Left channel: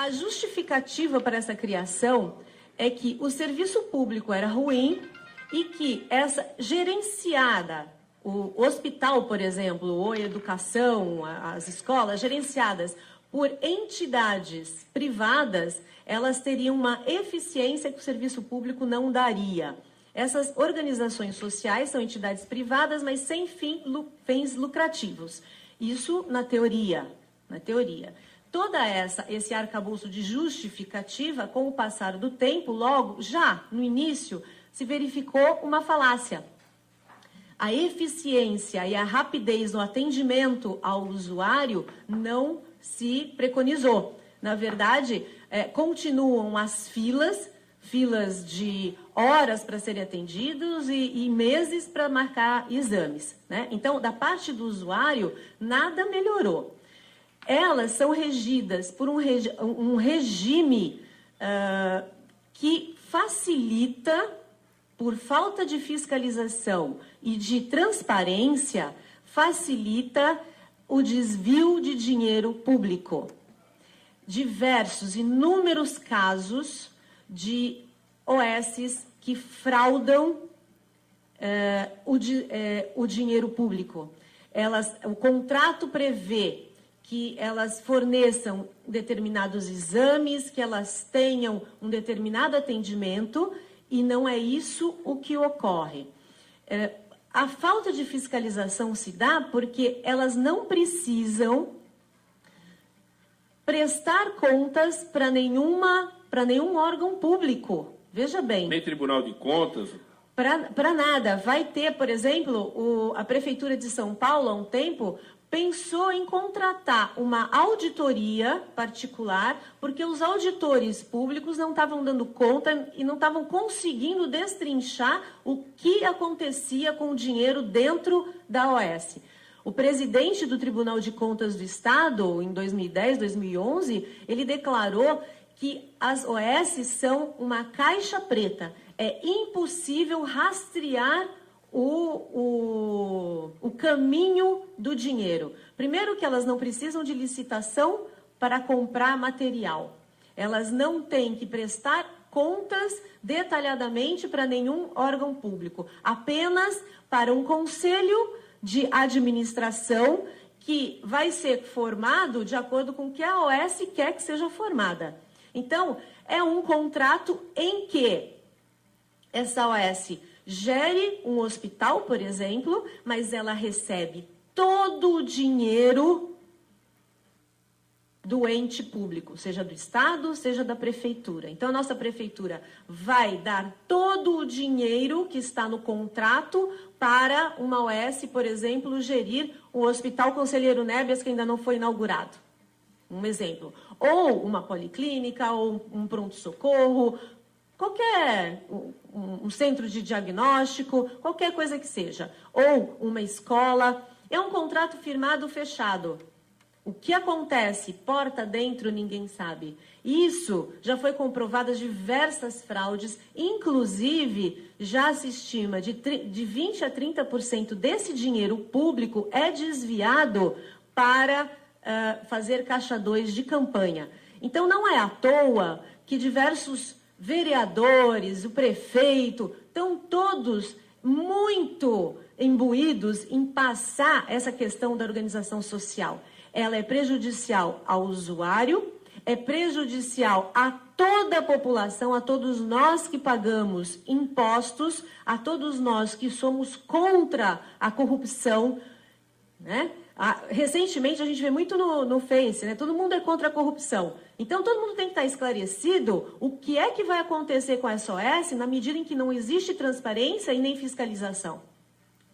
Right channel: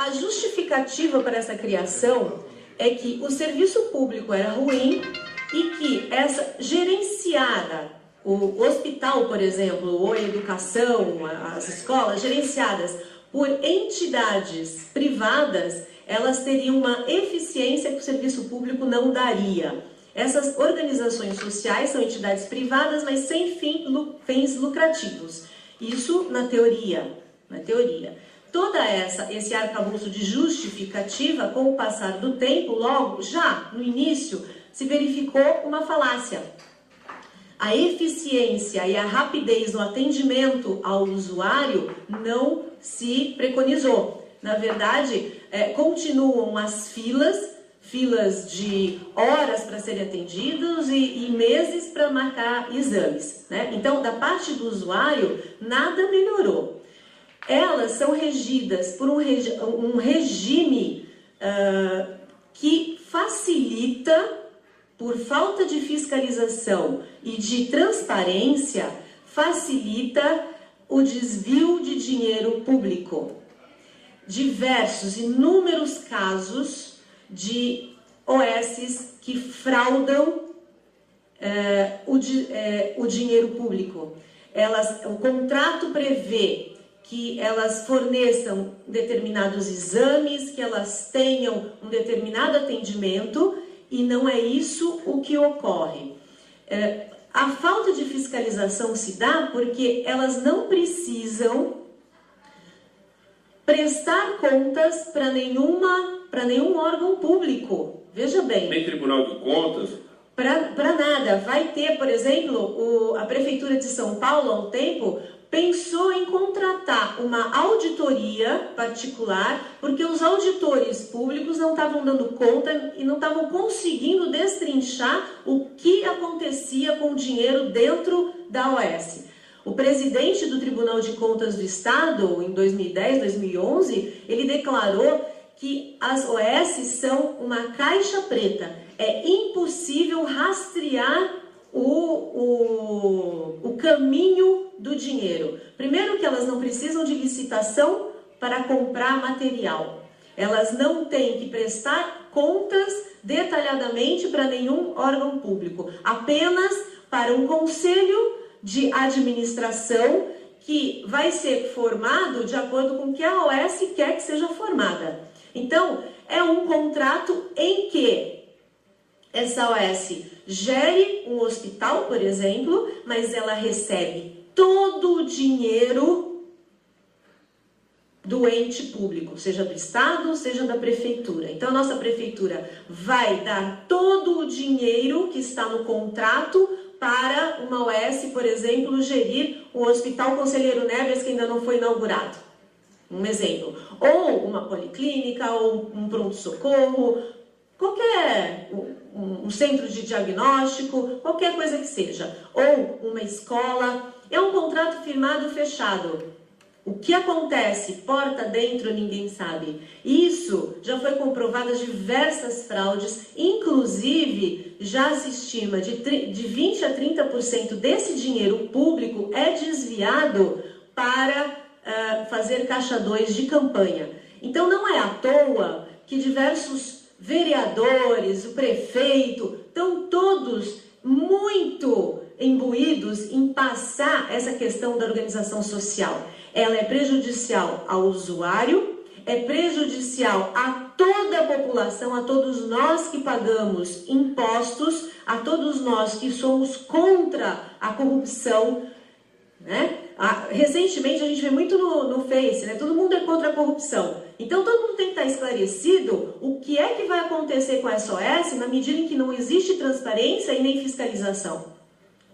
A justificativa para essa criação é que o serviço público era ruim e que essa gerenciada, o hospital, por exemplo, ou a educação, as escolas gerenciadas por entidades privadas, elas teriam uma eficiência que o serviço público não daria. Essas organizações sociais são entidades privadas, mas sem fins lucrativos. Isso na teoria. Todo esse arcabouço de justificativa, com o passar do tempo, logo, já no início, se verificou uma falácia. A eficiência e a rapidez no atendimento ao usuário não se preconizou. Na verdade, continuam as filas de horas para serem atendidos e meses para marcar exames, né? Então, da parte do usuário, nada melhorou. Elas são regidas por um regime que facilita, por falta de fiscalização e de transparência, facilita o desvio de dinheiro público. Inúmeros casos de OSs que fraudam o dinheiro público. O contrato prevê que elas forneçam determinados exames, que elas tenham um determinado atendimento, e não é isso o que ocorre. A falta de fiscalização se dá porque elas não precisam prestar contas para nenhum órgão público. Veja bem. Nem Tribunal de Contas? Para nada. Vai ter, por exemplo, a Prefeitura de São Paulo, há um tempo, pensou em contratar uma auditoria particular, porque os auditores públicos não estavam dando conta e não estavam conseguindo destrinchar o que acontecia com o dinheiro dentro da OS. O presidente do Tribunal de Contas do Estado, em 2010, 2011, ele declarou que as OS são uma caixa preta. É impossível rastrear o caminho do dinheiro. Primeiro que elas não precisam de licitação para comprar material. Elas não têm que prestar contas detalhadamente para nenhum órgão público. Apenas para um conselho de administração que vai ser formado de acordo com o que a OS quer que seja formada. Então, é um contrato em que essa OS gere um hospital, por exemplo, mas ela recebe todo o dinheiro do ente público, seja do Estado, seja da Prefeitura. Então, a nossa Prefeitura vai dar todo o dinheiro que está no contrato para uma OS, por exemplo, gerir o Hospital Conselheiro Neves, que ainda não foi inaugurado. Um exemplo. Ou uma policlínica, ou um pronto-socorro, um centro de diagnóstico, qualquer coisa que seja. Ou uma escola. É um contrato firmado fechado. O que acontece porta dentro, ninguém sabe. Isso já foi comprovado diversas fraudes, inclusive já se estima de 20% a 30% desse dinheiro público é desviado para fazer caixa 2 de campanha. Então não é à toa que diversos vereadores, o prefeito, estão todos muito imbuídos em passar essa questão da organização social. Ela é prejudicial ao usuário, é prejudicial a toda a população, a todos nós que pagamos impostos, a todos nós que somos contra a corrupção, né? Recentemente a gente vê muito no Face, né? Todo mundo é contra a corrupção. Então todo mundo tem que estar esclarecido o que é que vai acontecer com a SOS na medida em que não existe transparência e nem fiscalização.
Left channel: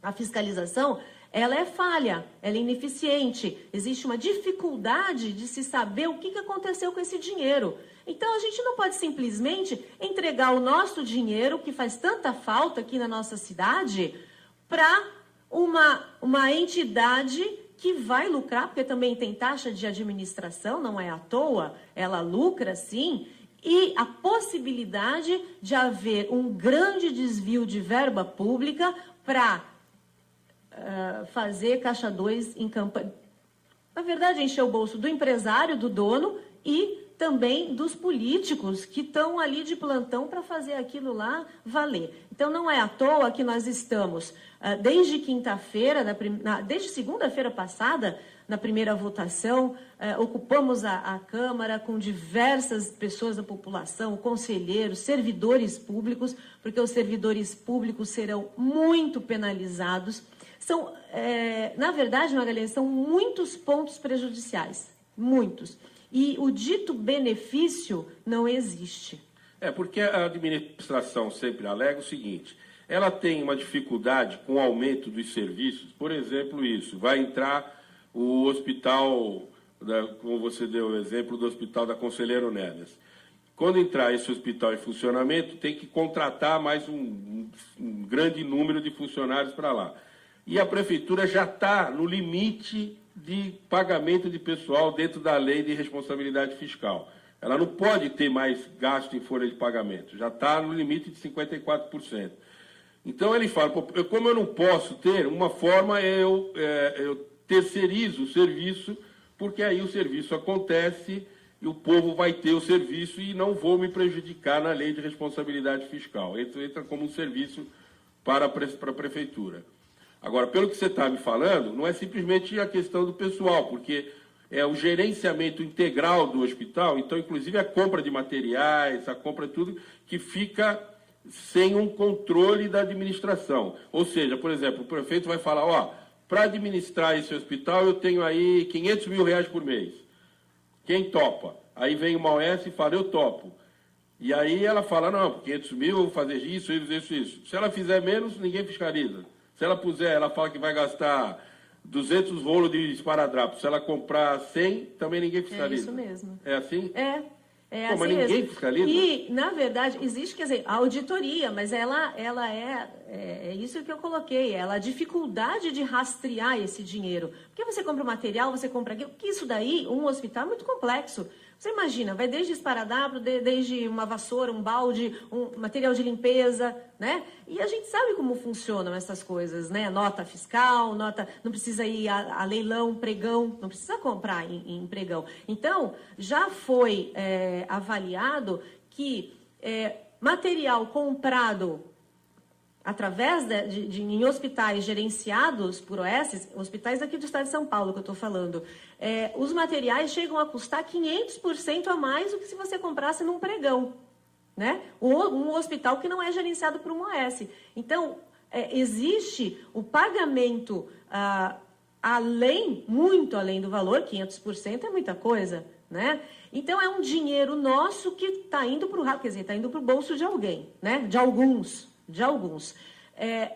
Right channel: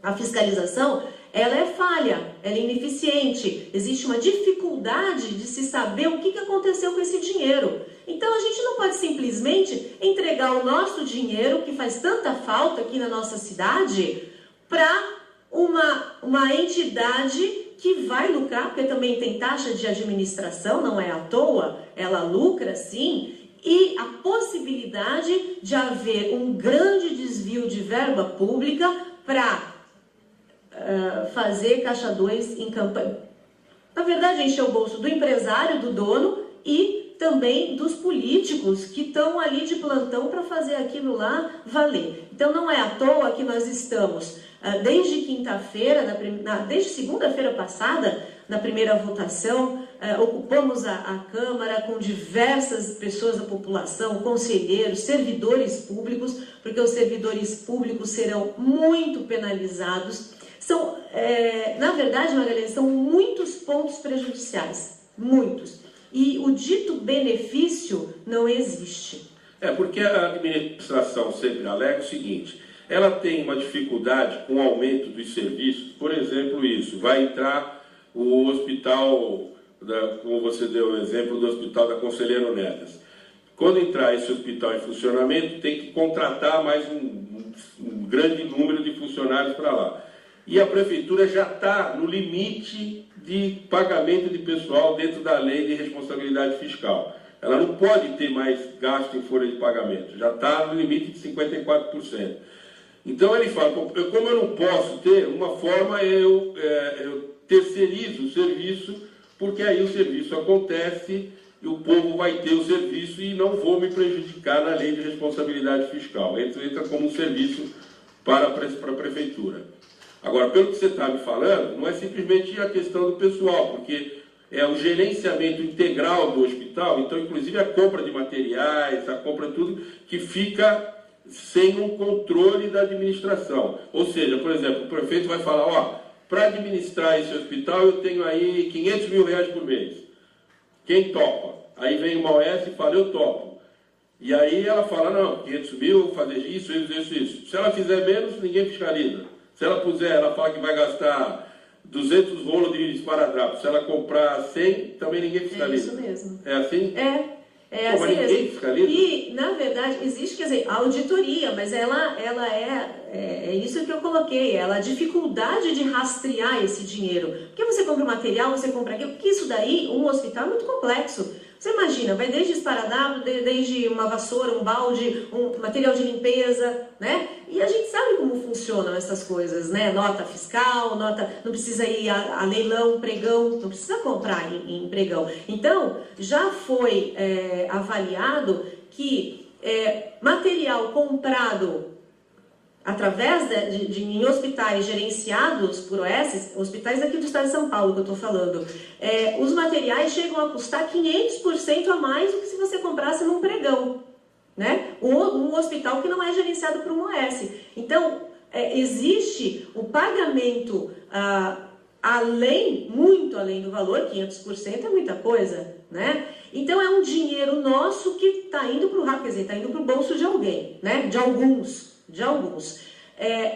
A fiscalização, ela é falha, ela é ineficiente, existe uma dificuldade de se saber o que aconteceu com esse dinheiro. Então a gente não pode simplesmente entregar o nosso dinheiro, que faz tanta falta aqui na nossa cidade, para uma entidade que vai lucrar, porque também tem taxa de administração, não é à toa, ela lucra sim, e a possibilidade de haver um grande desvio de verba pública para fazer caixa 2 em campanha. Na verdade, encher o bolso do empresário, do dono e também dos políticos que estão ali de plantão para fazer aquilo lá valer. Então não é à toa que nós estamos, desde quinta-feira, desde segunda-feira passada, na primeira votação, ocupamos a Câmara com diversas pessoas da população, conselheiros, servidores públicos, porque os servidores públicos serão muito penalizados. Na verdade, Magalhães, são muitos pontos prejudiciais, muitos. E o dito benefício não existe. Porque a administração sempre alega o seguinte: ela tem uma dificuldade com o aumento dos serviços, por exemplo, isso, vai entrar o hospital, como você deu o exemplo do hospital da Conselheiro Neves. Quando entrar esse hospital em funcionamento, tem que contratar mais um grande número de funcionários para lá. E a prefeitura já está no limite de pagamento de pessoal dentro da lei de responsabilidade fiscal. Ela não pode ter mais gasto em folha de pagamento, já está no limite de 54%. Então ele fala, como eu não posso ter, uma forma eu terceirizo o serviço, porque aí o serviço acontece e o povo vai ter o serviço e não vou me prejudicar na lei de responsabilidade fiscal. Entra como um serviço para a prefeitura. Agora, pelo que você está me falando, não é simplesmente a questão do pessoal, porque é o gerenciamento integral do hospital, então, inclusive, a compra de materiais, a compra de tudo, que fica sem um controle da administração. Ou seja, por exemplo, o prefeito vai falar, para administrar esse hospital eu tenho aí 500 mil reais por mês. Quem topa? Aí vem uma OS e fala, eu topo. E aí ela fala, não, 500 mil, vou fazer isso. Se ela fizer menos, ninguém fiscaliza. Se ela puser, ela fala que vai gastar 200 rolos de esparadrapo. Se ela comprar 100, também ninguém fiscaliza. É isso mesmo. É assim? É assim mas ninguém mesmo. Fiscaliza? E, na verdade, existe, quer dizer, a auditoria, mas ela é isso que eu coloquei, a dificuldade de rastrear esse dinheiro. Porque você compra o material, você compra aquilo, porque isso daí, um hospital é muito complexo. Você imagina, vai desde esparadrapo, desde uma vassoura, um balde, um material de limpeza, né? E a gente sabe como funcionam essas coisas, né? Nota fiscal, não precisa ir a leilão, pregão, não precisa comprar em pregão. Então, já foi avaliado que material comprado através em hospitais gerenciados por OS, hospitais aqui do estado de São Paulo que eu estou falando, os materiais chegam a custar 500% a mais do que se você comprasse num pregão, né? Um hospital que não é gerenciado por um OS. Então, existe o pagamento muito além do valor, 500% é muita coisa, né? Então, é um dinheiro nosso que está indo para o rabo, quer dizer, está indo para o bolso de alguém, né? De alguns.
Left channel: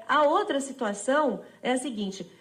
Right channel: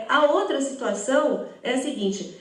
A outra situação é a seguinte,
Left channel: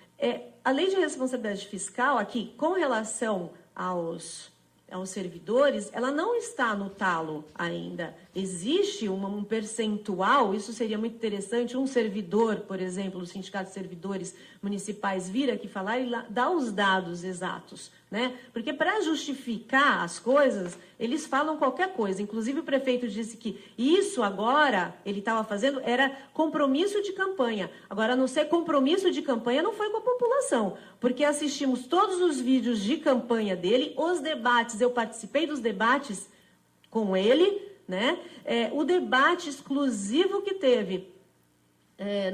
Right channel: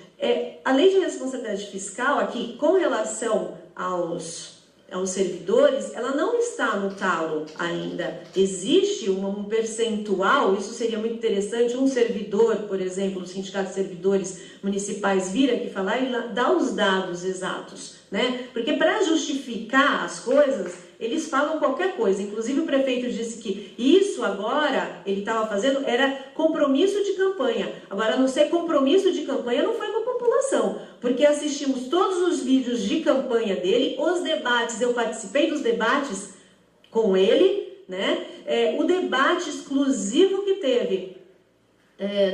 a lei de responsabilidade fiscal aqui, com relação aos servidores, ela não está no talo ainda. Existe um percentual, isso seria muito interessante, um servidor, por exemplo, o Sindicato de Servidores Municipais vir aqui falar e dar os dados exatos, né? Porque para justificar as coisas, eles falam qualquer coisa. Inclusive o prefeito disse que isso agora, ele estava fazendo, era compromisso de campanha. Agora, não ser compromisso de campanha não foi com a população, porque assistimos todos os vídeos de campanha dele, os debates, eu participei dos debates com ele, né? O debate exclusivo que teve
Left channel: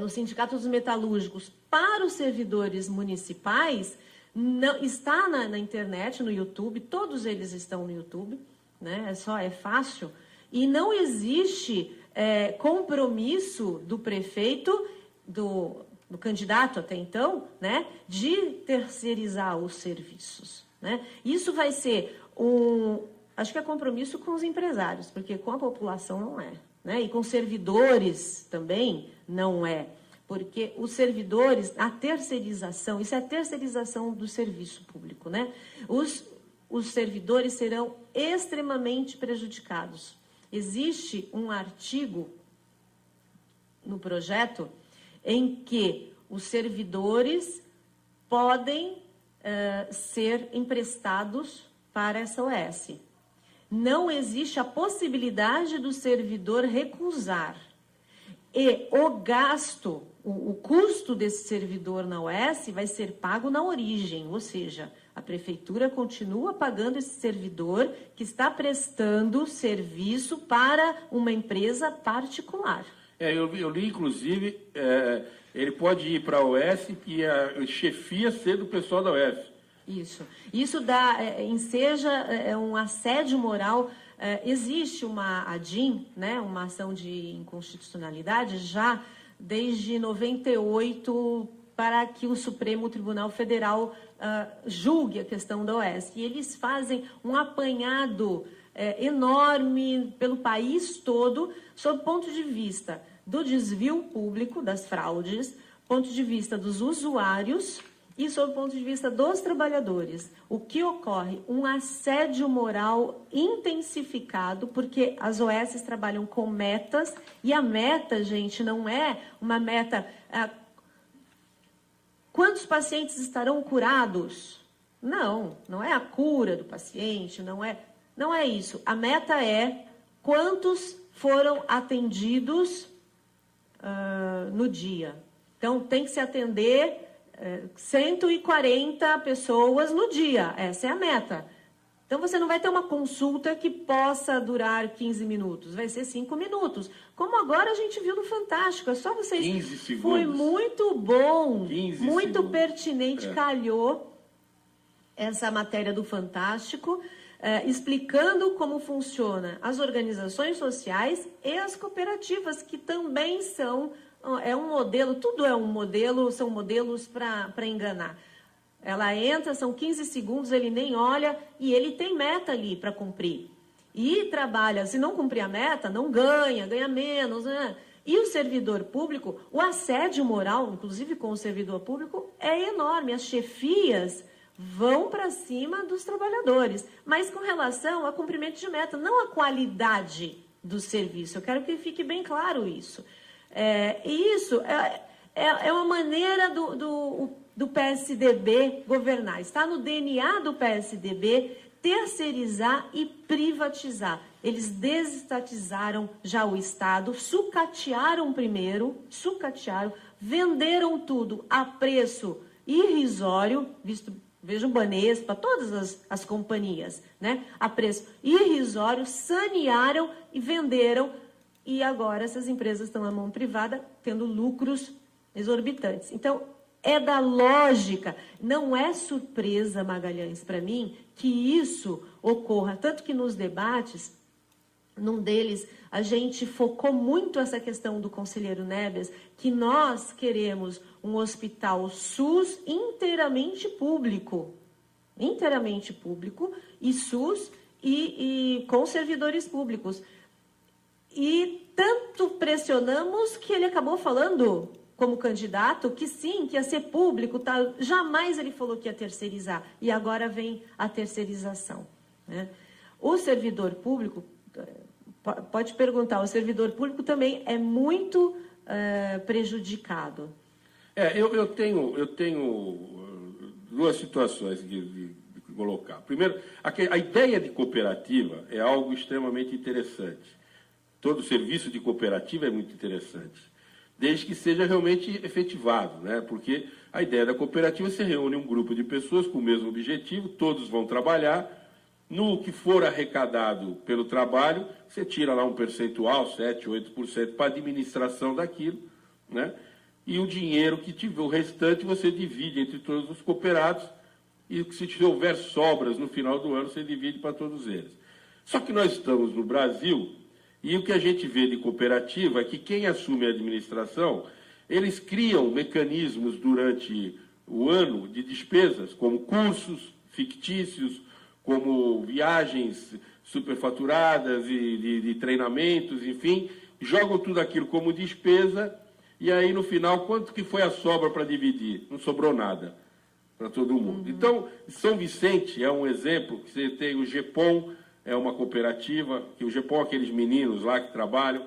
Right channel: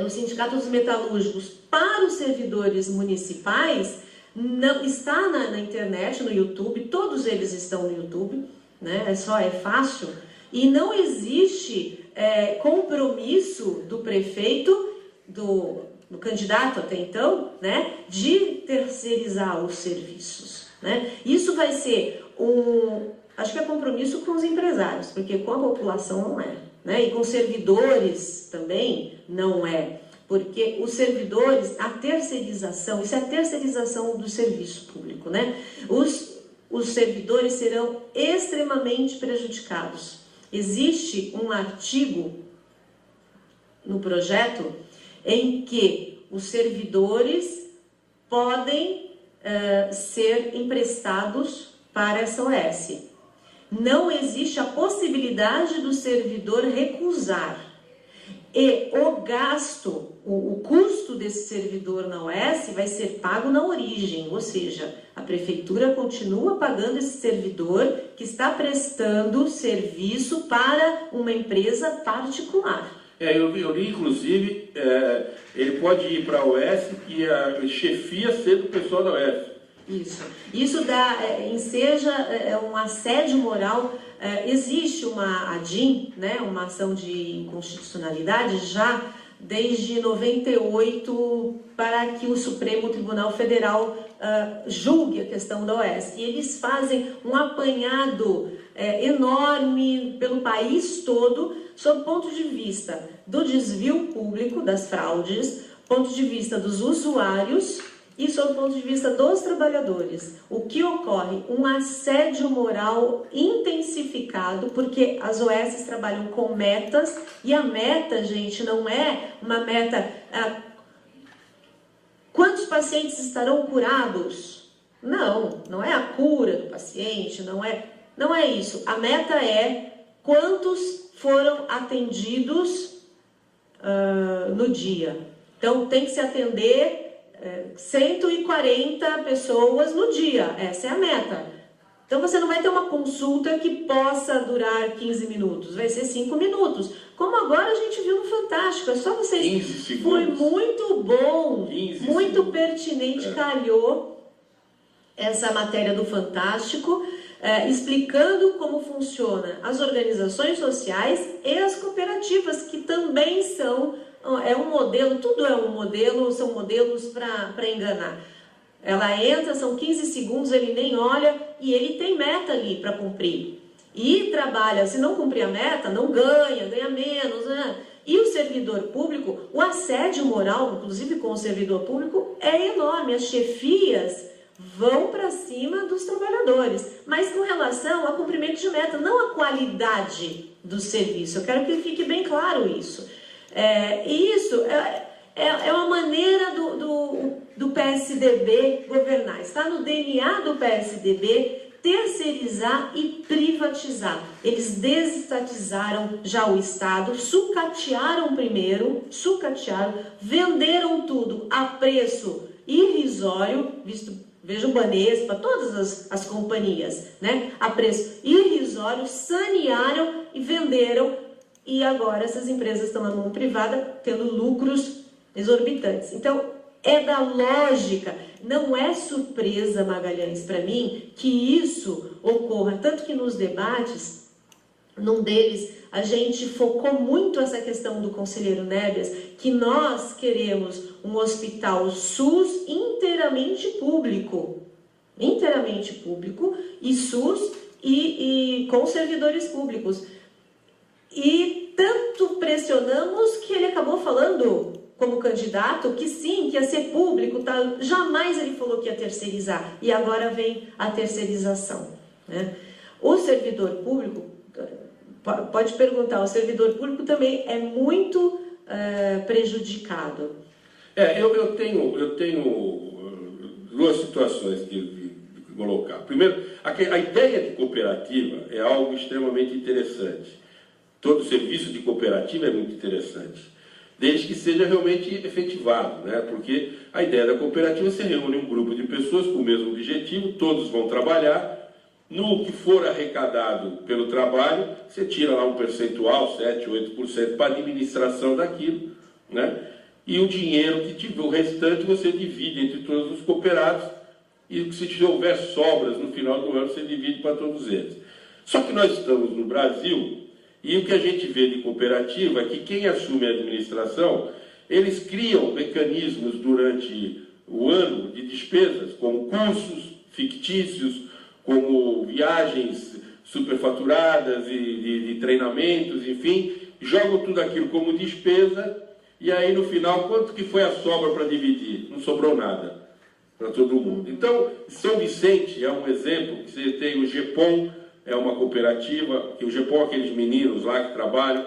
no Sindicato dos Metalúrgicos para os servidores municipais, não está na internet, no YouTube, todos eles estão no YouTube, né? É fácil, e não existe compromisso do prefeito, do candidato até então, né, de terceirizar os serviços, né? Isso vai ser acho que é compromisso com os empresários, porque com a população não é, né? E com servidores também não é. Porque os servidores, a terceirização, isso é a terceirização do serviço público, né? Os servidores serão extremamente prejudicados. Existe um artigo no projeto em que os servidores podem ser emprestados para essa OS. Não existe a possibilidade do servidor recusar. E o gasto, o custo desse servidor na OS vai ser pago na origem, ou seja, a prefeitura continua pagando esse servidor que está prestando serviço para uma empresa particular. Eu li, inclusive, ele pode ir para a OS e a chefia ser do pessoal da OS. Isso enseja um assédio moral. Existe uma ADIM, né, uma ação de inconstitucionalidade, já desde 98, para que o Supremo Tribunal Federal julgue a questão da OS. E eles fazem um apanhado enorme pelo país todo, sob o ponto de vista do desvio público, das fraudes, ponto de vista dos usuários e sob o ponto de vista dos trabalhadores. O que ocorre? Um assédio moral intensificado, porque as OS trabalham com metas, e a meta, gente, não é uma meta... quantos pacientes estarão curados? Não é a cura do paciente, não é isso. A meta é quantos foram atendidos no dia. Então, tem que se atender 140 pessoas no dia. Essa é a meta. Então, você não vai ter uma consulta que possa durar 15 minutos. Vai ser 5 minutos. Como agora a gente viu no Fantástico. É só vocês... 15 segundos. Foi muito bom. 15 muito segundos. Pertinente. Calhou essa matéria do Fantástico, explicando como funciona as organizações sociais e as cooperativas, que também são... um modelo, tudo é um modelo, são modelos para enganar. Ela entra, são 15 segundos, ele nem olha e ele tem meta ali para cumprir. E trabalha, se não cumprir a meta, não ganha menos, né? E o servidor público, o assédio moral, inclusive com o servidor público, é enorme. As chefias vão para cima dos trabalhadores, mas com relação ao cumprimento de meta, não a qualidade do serviço. Eu quero que fique bem claro isso. Isso é uma maneira do PSDB governar. Está no DNA do PSDB terceirizar e privatizar. Eles desestatizaram já o Estado, sucatearam primeiro, venderam tudo a preço irrisório, veja o Banespa, todas as companhias, né? A preço irrisório, sanearam e venderam. E agora essas empresas estão na mão privada, tendo lucros exorbitantes. Então, é da lógica. Não é surpresa, Magalhães, para mim, que isso ocorra. Tanto que nos debates, num deles, a gente focou muito essa questão do conselheiro Nebias, que nós queremos um hospital SUS inteiramente público. Inteiramente público, e SUS e com servidores públicos. E tanto pressionamos que ele acabou falando, como candidato, que sim, que ia ser público, tá? Jamais ele falou que ia terceirizar. E agora vem a terceirização, né? O servidor público, pode perguntar, o servidor público também é muito prejudicado. Eu tenho duas situações de colocar. Primeiro, a ideia de cooperativa é algo extremamente interessante. Todo serviço de cooperativa é muito interessante, desde que seja realmente efetivado, né? Porque a ideia da cooperativa, você reúne um grupo de pessoas com o mesmo objetivo, todos vão trabalhar, no que for arrecadado pelo trabalho, você tira lá um percentual, 7%, 8% para a administração daquilo, né? E o dinheiro que tiver, o restante você divide entre todos os cooperados, e se houver sobras no final do ano, você divide para todos eles. Só que nós estamos no Brasil, e o que a gente vê de cooperativa é que quem assume a administração, eles criam mecanismos durante o ano de despesas, como cursos fictícios, como viagens superfaturadas e de treinamentos, enfim, jogam tudo aquilo como despesa, e aí no final, quanto que foi a sobra para dividir? Não sobrou nada para todo mundo. Então, São Vicente é um exemplo, você tem o GEPOM, é uma cooperativa, que o GEPOM é aqueles meninos lá que trabalham,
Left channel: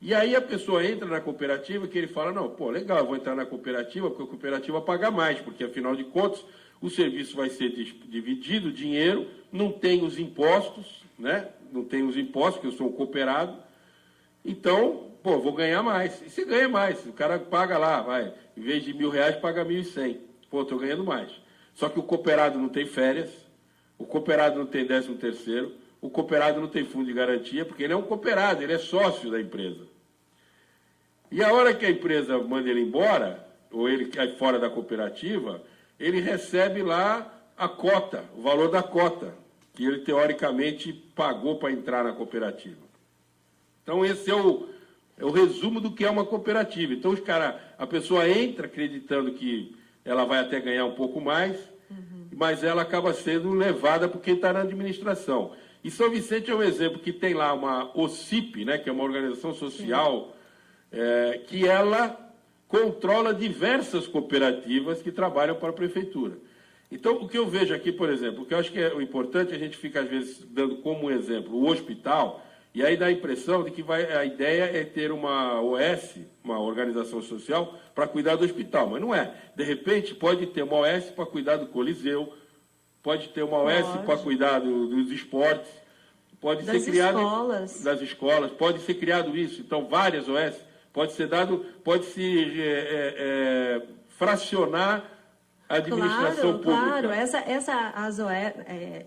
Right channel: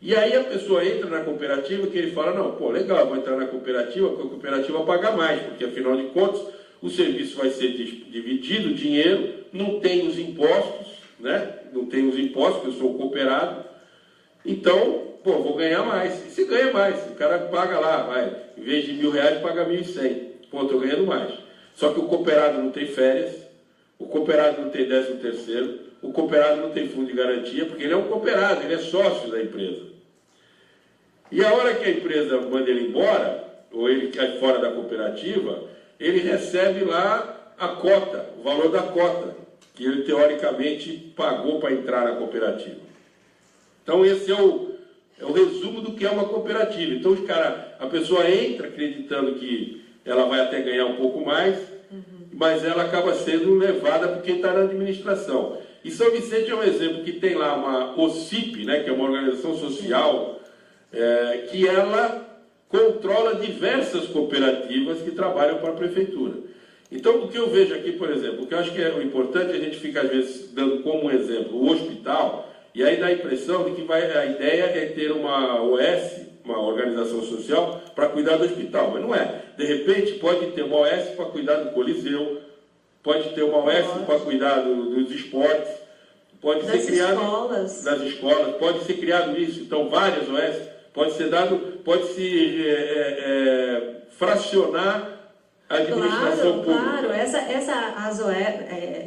e aí a pessoa entra na cooperativa que ele fala, não, pô, legal, vou entrar na cooperativa, porque a cooperativa paga mais, porque afinal de contas o serviço vai ser dividido, o dinheiro, não tem os impostos, né? Não tem os impostos, porque eu sou cooperado, então pô, vou ganhar mais. E se ganha mais, o cara paga lá, vai, em vez de R$1.000, paga 1.100. Pô, estou ganhando mais. Só que o cooperado não tem férias, o cooperado não tem 13º, o cooperado não tem fundo de garantia, porque ele é um cooperado, ele é sócio da empresa. E a hora que a empresa manda ele embora, ou ele cai fora da cooperativa, ele recebe lá a cota, o valor da cota, que ele teoricamente pagou para entrar na cooperativa. Então esse é o resumo do que é uma cooperativa. Então a pessoa entra acreditando que ela vai até ganhar um pouco mais, mas ela acaba sendo levada por quem está na administração. E São Vicente é um exemplo que tem lá uma OCIP, né, que é uma organização social, que ela controla diversas cooperativas que trabalham para a prefeitura. Então, o que eu vejo aqui, por exemplo, o que eu acho que é o importante, a gente fica às vezes dando como exemplo o hospital, e aí dá a impressão de que a ideia é ter uma OS, uma organização social, para cuidar do hospital, mas não é. De repente, pode ter uma OS para cuidar do Coliseu, pode ter uma OS para cuidar dos esportes, pode ser criado das escolas, pode ser criado isso. Então, várias OS, pode se fracionar a administração pública. Claro,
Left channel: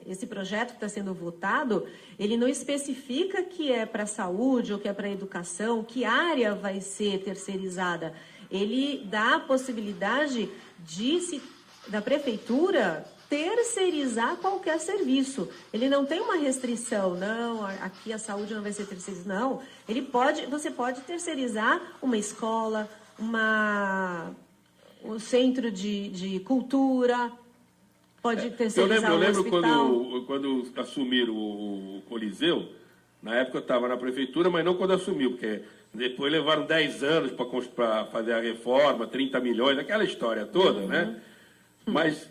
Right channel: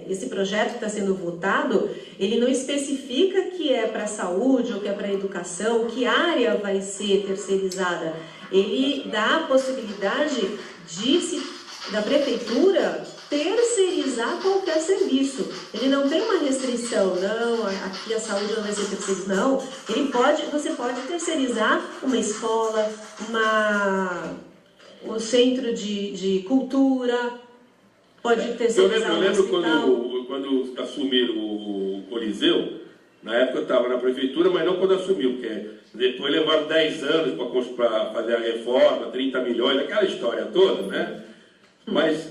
esse projeto que está sendo votado, ele não especifica que é para a saúde ou que é para a educação, que área vai ser terceirizada. Ele dá a possibilidade da prefeitura terceirizar qualquer serviço. Ele não tem uma restrição, não, aqui a saúde não vai ser terceirizada, não. Você pode terceirizar uma escola, o centro de cultura, pode terceirizar um hospital. Eu lembro quando assumiram o Coliseu, na época eu estava na prefeitura, mas não quando assumiu, porque depois levaram 10 anos para fazer a reforma, 30 milhões, aquela história toda, né? Mas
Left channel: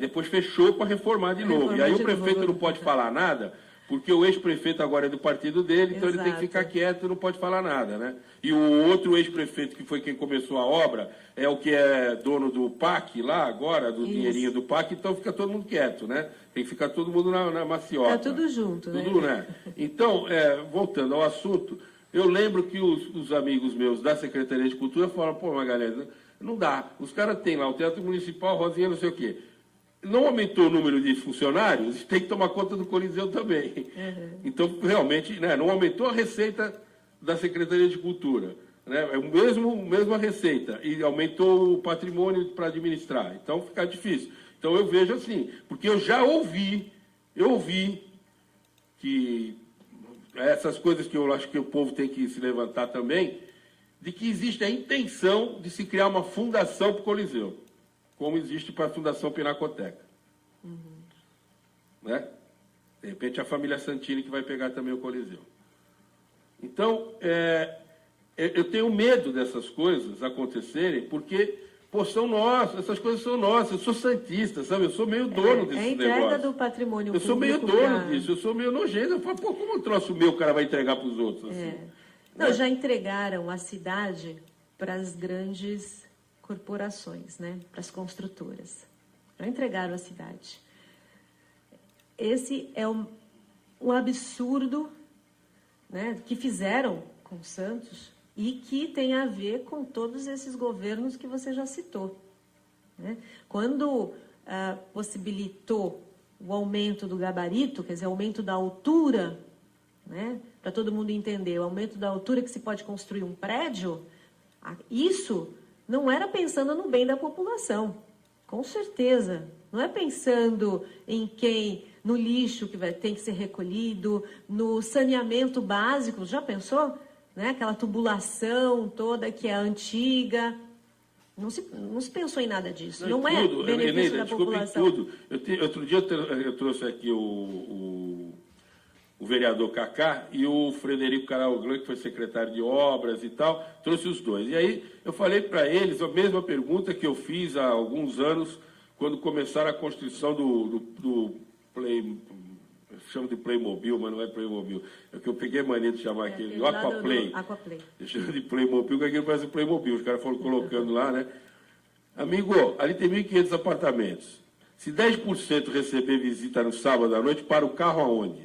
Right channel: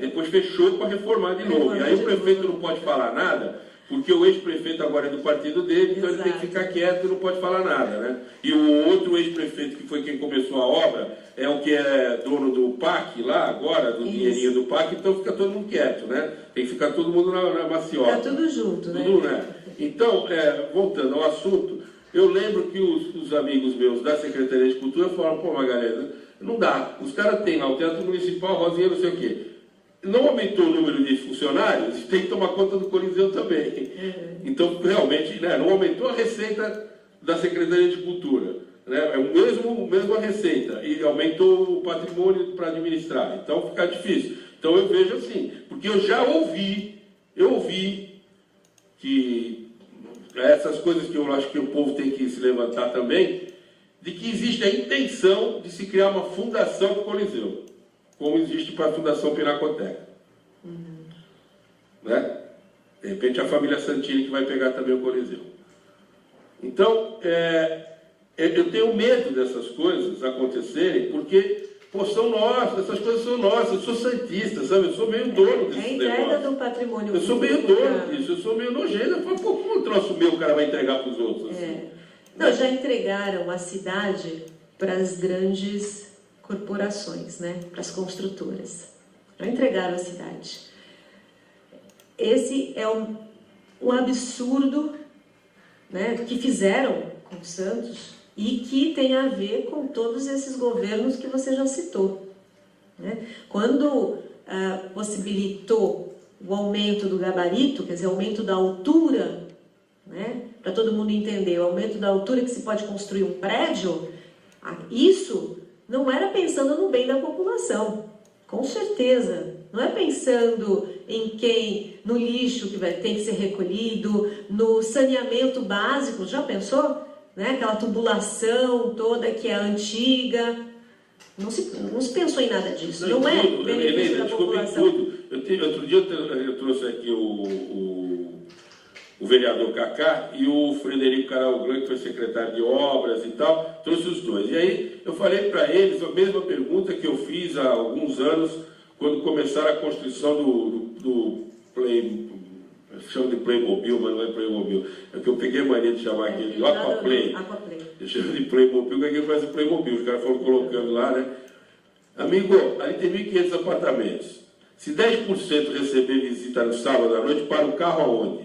depois fechou para reformar de novo. E aí o prefeito não pode falar nada, porque o ex-prefeito agora é do partido dele, então ele tem que ficar quieto e não pode falar nada, né? E o outro ex-prefeito, que foi quem começou a obra, é o que é dono do PAC lá agora, do dinheirinho do PAC, então fica todo mundo quieto, né? Tem que ficar todo mundo na maciota. Fica tudo junto, né? Então, voltando ao assunto, eu lembro que os amigos meus da Secretaria de Cultura falaram, pô, Magalhães, não dá. Os caras têm lá o Teatro Municipal, Rosinha, não sei o quê. Não aumentou o número de funcionários, tem que tomar conta do Coliseu também. Então, realmente, não aumentou a receita da Secretaria de Cultura. É a mesma receita, e aumentou o patrimônio para administrar. Então, fica difícil. Então, eu vejo assim, porque eu já ouvi que essas coisas que eu acho que o povo tem que se levantar também, de que existe a intenção de se criar uma fundação para o Coliseu, como existe para a Fundação Pinacoteca. Né? De repente a família Santini que vai pegar também o Coliseu. Então, eu tenho medo dessas coisas acontecerem, porque, são nossas, essas coisas são nossas, eu sou santista, sabe? Eu sou meio dono desse negócio. É a entrega do patrimônio. Eu sou meio dono disso, eu sou meio nojento. Eu falo, como um troço meu o cara vai entregar para os outros? Assim? Não, já entregaram a cidade para as grandes corporações, né? Para as construtoras. Já entregaram a cidade. Esse é um absurdo, né, que fizeram com Santos e que tem a ver com todos esses governos que você já citou. Né? Quando possibilitou o aumento do gabarito, quer dizer, o aumento da altura, né? Para todo mundo entender, o aumento da altura que se pode construir um prédio, isso não era pensando no bem da população, com certeza. Não é pensando no lixo que tem que ser recolhido, no saneamento básico, já pensou? Né? Aquela tubulação toda que é antiga. Não se pensou em nada disso, não é benefício da população. Outro dia eu trouxe aqui o vereador Cacá e o Frederico Caralglan, que foi secretário de obras e tal, trouxe os dois. E aí eu falei para eles a mesma pergunta que eu fiz há alguns anos, quando começaram a construção do chamo de Playmobil, mas não é Playmobil, é que eu peguei a mania de chamar aquele, o Aquaplay. Eu chamo de Playmobil, porque parece Playmobil, os caras foram colocando lá, né? Amigo, ali tem 1.500 apartamentos. Se 10% receber visita no sábado à noite, para o carro aonde?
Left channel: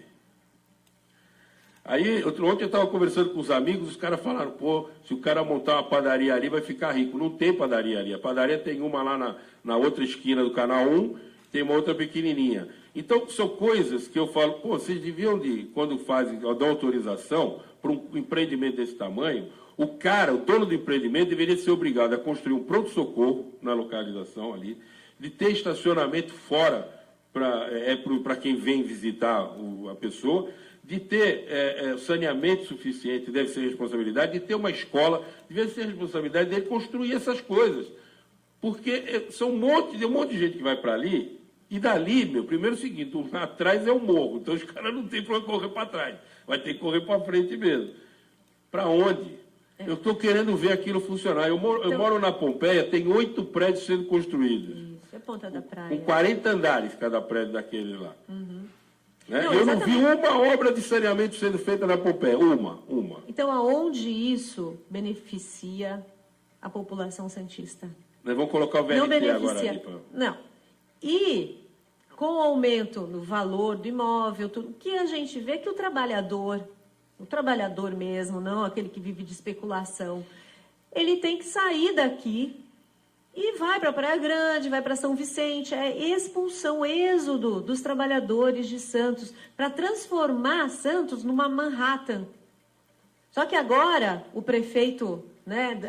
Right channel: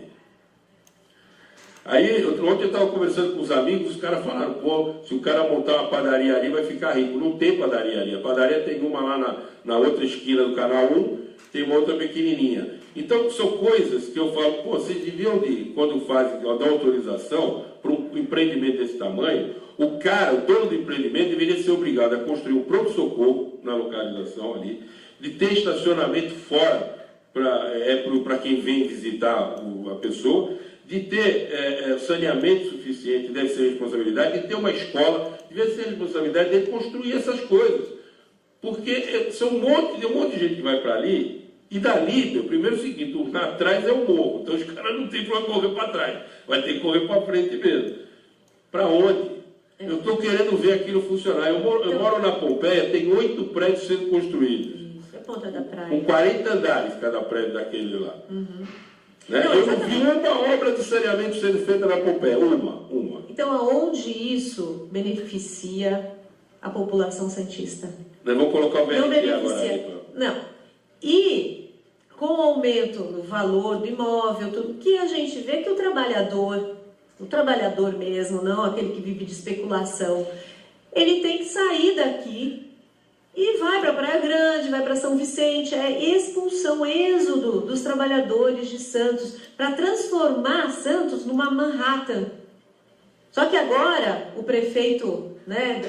Aí, ontem eu estava conversando com os amigos, os caras falaram, pô, se o cara montar uma padaria ali, vai ficar rico. Não tem padaria ali. A padaria tem uma lá na outra esquina do Canal 1, tem uma outra pequenininha. Então, são coisas que eu falo, pô, vocês deviam, quando dão autorização para um empreendimento desse tamanho, o dono do empreendimento, deveria ser obrigado a construir um pronto-socorro na localização ali, de ter estacionamento fora para quem vem visitar a pessoa, de ter saneamento suficiente, deve ser responsabilidade, de ter uma escola, deve ser responsabilidade de construir essas coisas. Porque são tem um monte de gente que vai para ali, e dali, primeiro é o seguinte, atrás é o morro, então os caras não tem para correr para trás, vai ter que correr para frente mesmo. Para onde? Eu estou querendo ver aquilo funcionar. Eu moro na Pompeia, tem 8 prédios sendo construídos. Isso, é ponta da praia. Com 40 andares cada prédio daquele lá. Uhum. Né? Eu não vi uma obra de saneamento sendo feita na Pompeia. Uma. Então, aonde isso beneficia a população santista? Nós vamos colocar o VRT não beneficia. Agora. Não. E com o aumento do valor do imóvel, tudo, que a gente vê que o trabalhador mesmo, não aquele que vive de especulação, ele tem que sair daqui e vai para Praia Grande, vai para São Vicente, é expulsão, êxodo dos trabalhadores de Santos, para transformar Santos numa Manhattan. Só que agora o prefeito, né,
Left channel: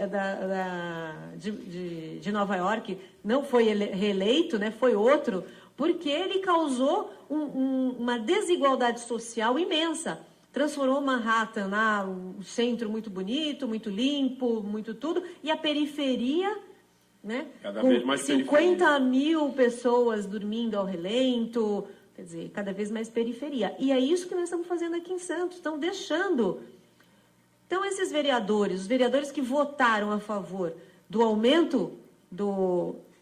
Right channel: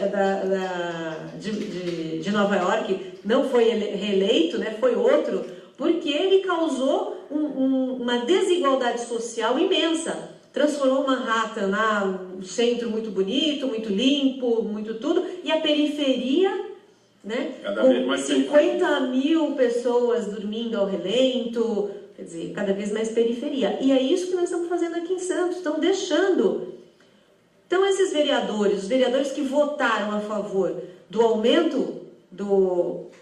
de Nova York não foi reeleito, né, foi outro, porque ele causou uma desigualdade social imensa. Transformou Manhattan, um centro muito bonito, muito limpo, muito tudo, e a periferia, né, com 50 mil pessoas dormindo ao relento, quer dizer, cada vez mais periferia. E é isso que nós estamos fazendo aqui em Santos, estamos deixando. Então, esses vereadores, os vereadores que votaram a favor do aumento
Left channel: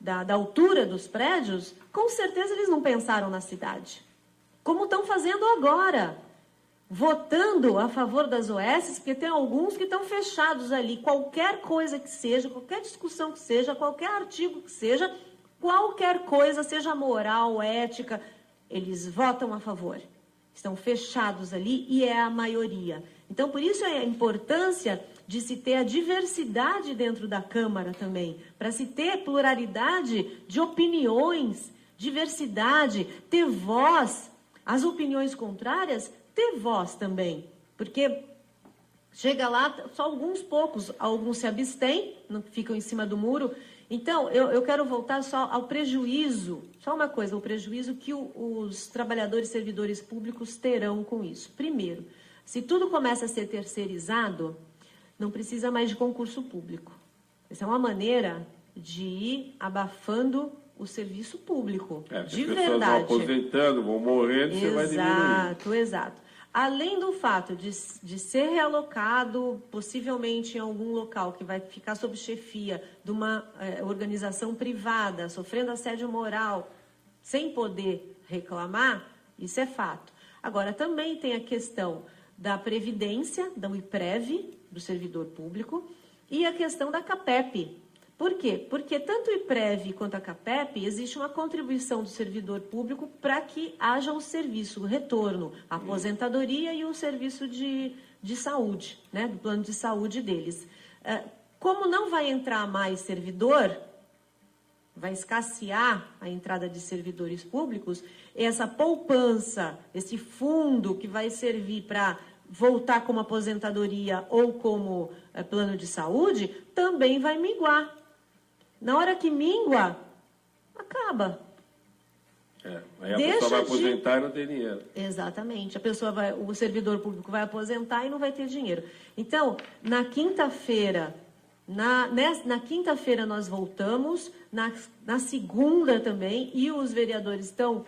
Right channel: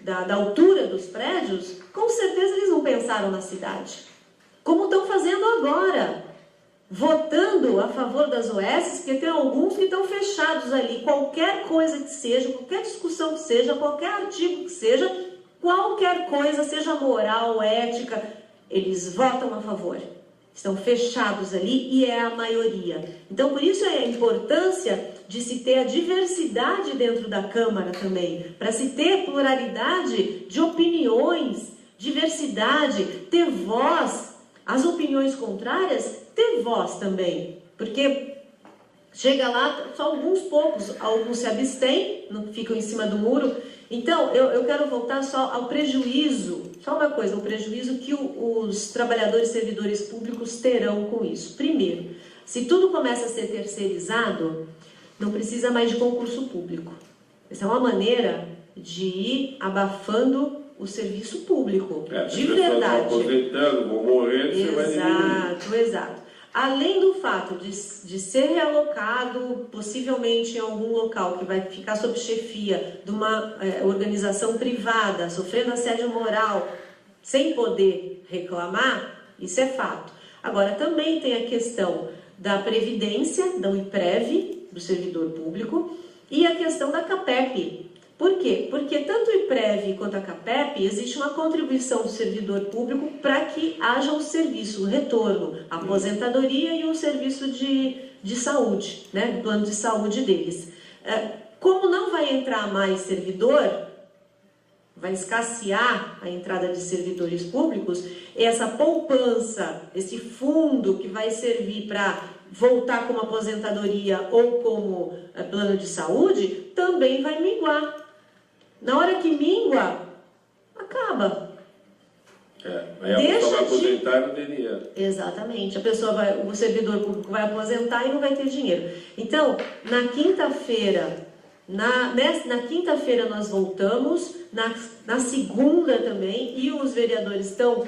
da altura dos prédios, com certeza eles não pensaram na cidade. Como estão fazendo agora. Votando a favor das OS, porque tem alguns que estão fechados ali. Qualquer coisa que seja, qualquer discussão que seja, qualquer artigo que seja, qualquer coisa, seja moral, ética, eles votam a favor. Estão fechados ali e é a maioria. Então, por isso é a importância de se ter a diversidade dentro da Câmara também, para se ter pluralidade de opiniões, diversidade, ter voz. As opiniões contrárias, ter voz também, porque chega lá, só alguns poucos, alguns se abstêm, não ficam em cima do muro. Então, eu quero voltar só ao prejuízo, só uma coisa, o prejuízo que os trabalhadores e servidores públicos terão com isso. Primeiro, se tudo começa a ser terceirizado, não precisa mais de concurso público. Essa é uma maneira de ir abafando o serviço público, de verdade. Vão aposentando, vão morrendo, você vai diminuir. Exato. Além do fato de ser realocado, possivelmente em algum local que vai ficar sob chefia de uma organização privada, sofrendo assédio moral, sem poder reclamar, isso é fato. Agora, também tem a questão da previdência, da IPREV, do servidor público, e a questão da CAPEP. Por quê? Porque tanto o IPREV quanto a CAPEP, existe uma contribuição do servidor público para que haja o serviço, o retorno, a aposentadoria e o serviço de saúde, né, do plano de saúde deles. Como não vai entrar mais servidor, vai escassear a entrada de servidores públicos, essa poupança, esse fundo que vai servir para voltar como aposentadoria ou como plano de saúde, também vai minguar. Na hora que mingua, acaba. Aí a pessoa vai aposentar e não tem dinheiro. Exatamente. O servidor público vai aposentar e não vai ter dinheiro. Então, na quinta-feira, na quinta-feira nós voltamos, na segunda também, e os vereadores estão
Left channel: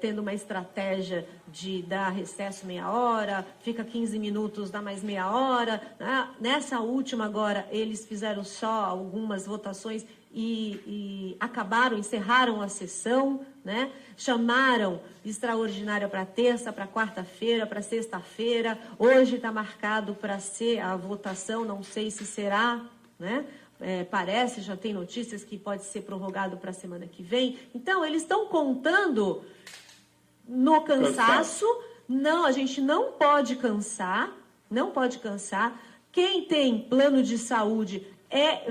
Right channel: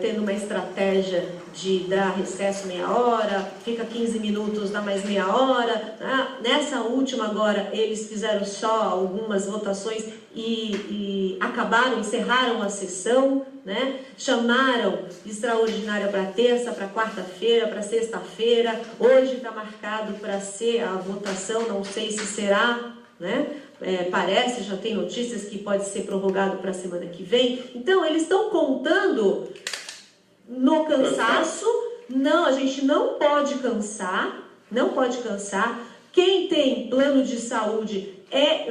tendo uma estratégia de dar recesso meia hora, fica 15 minutos, dá mais meia hora. Nessa última agora, eles fizeram só algumas votações e encerraram a sessão, né? Chamaram extraordinária para terça, para quarta-feira, para sexta-feira. Hoje está marcado para ser a votação, não sei se será, né? Parece, já tem notícias que pode ser prorrogado para a semana que vem. Então, eles estão contando no cansaço, Não, a gente não pode cansar, não pode cansar. Quem tem plano de saúde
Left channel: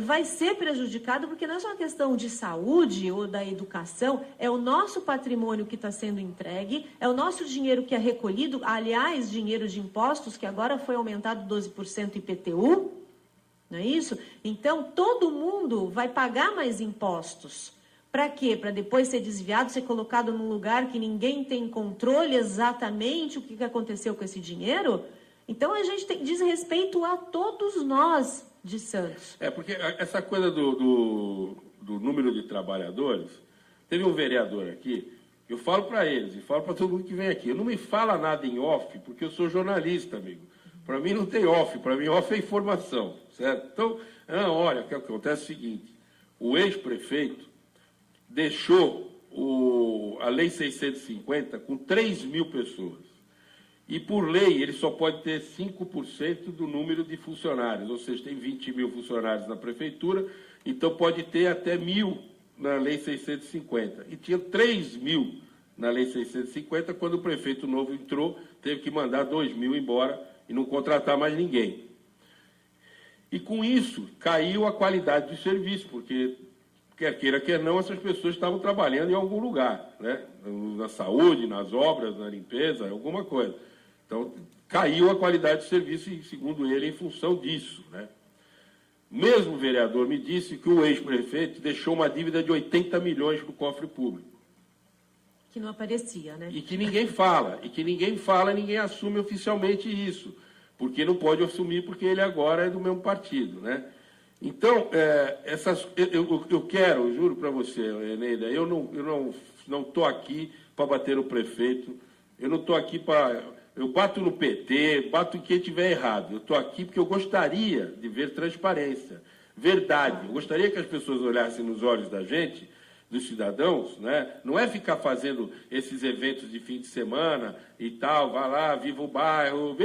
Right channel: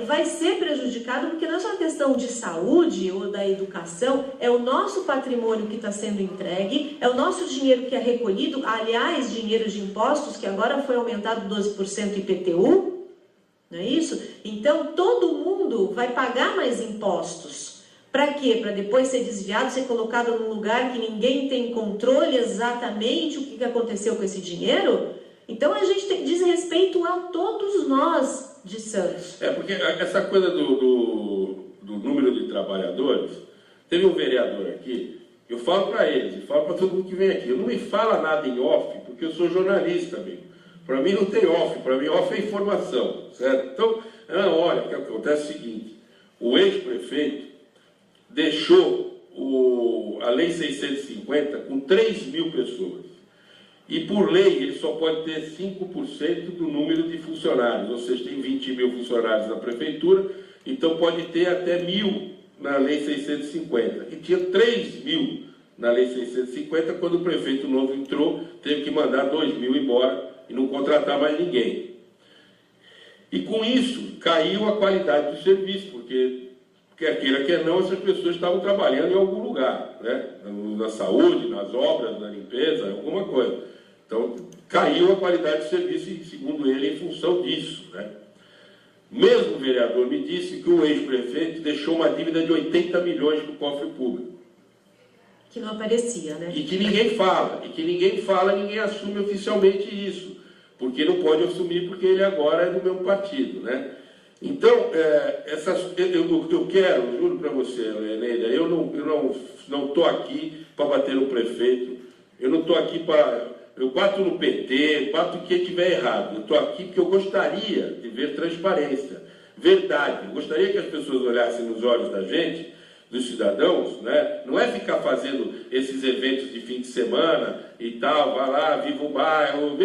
vai ser prejudicado, porque não é só uma questão de saúde ou da educação, é o nosso patrimônio que está sendo entregue, é o nosso dinheiro que é recolhido, aliás, dinheiro de impostos, que agora foi aumentado 12% IPTU, não é isso? Então, todo mundo vai pagar mais impostos. Para quê? Para depois ser desviado, ser colocado num lugar que ninguém tem controle exatamente o que aconteceu com esse dinheiro? Então, a gente diz respeito a todos nós de Santos. Porque essa coisa do número de trabalhadores, teve um vereador aqui, eu falo para eles, e falo para todo mundo que vem aqui, eu não me fala nada em off, porque eu sou jornalista, amigo. Para mim não tem off, para mim off é informação, certo? Então, olha, o que acontece é o seguinte, o ex-prefeito deixou a Lei 650 com 3 mil pessoas. E, por lei, ele só pode ter 5% do número de funcionários, ou seja, tem 20 mil funcionários na prefeitura, então pode ter até 1.000 na Lei 650. E tinha 3 mil na Lei 650, quando o prefeito novo entrou, teve que mandar 2 mil embora e não contratar mais ninguém. E, com isso, caiu a qualidade do serviço, porque, quer queira, quer não, essas pessoas estavam trabalhando em algum lugar, né? Na saúde, nas obras, na limpeza, alguma coisa. Então, caiu a qualidade do serviço, e, segundo ele, em função disso, né? O mesmo vereador me disse que o ex-prefeito deixou uma dívida de 80 milhões no cofre público. Que não aparecia, né? E que ninguém fala, ninguém assume oficialmente isso, porque não pode assumir, porque ele agora é do mesmo partido, né? Então, eu quero, juro para você, Eneida, eu não estou aqui para bater no prefeito, eu não estou aqui para... Eu bato no PT, bato em quem estiver errado. Eu estou aqui porque eu gostaria de ver transparência, verdade. Eu gostaria que as pessoas olhassem nos olhos da gente, dos cidadãos, né? Não é ficar fazendo esses eventos de fim de semana e tal, vai lá, viva o bairro,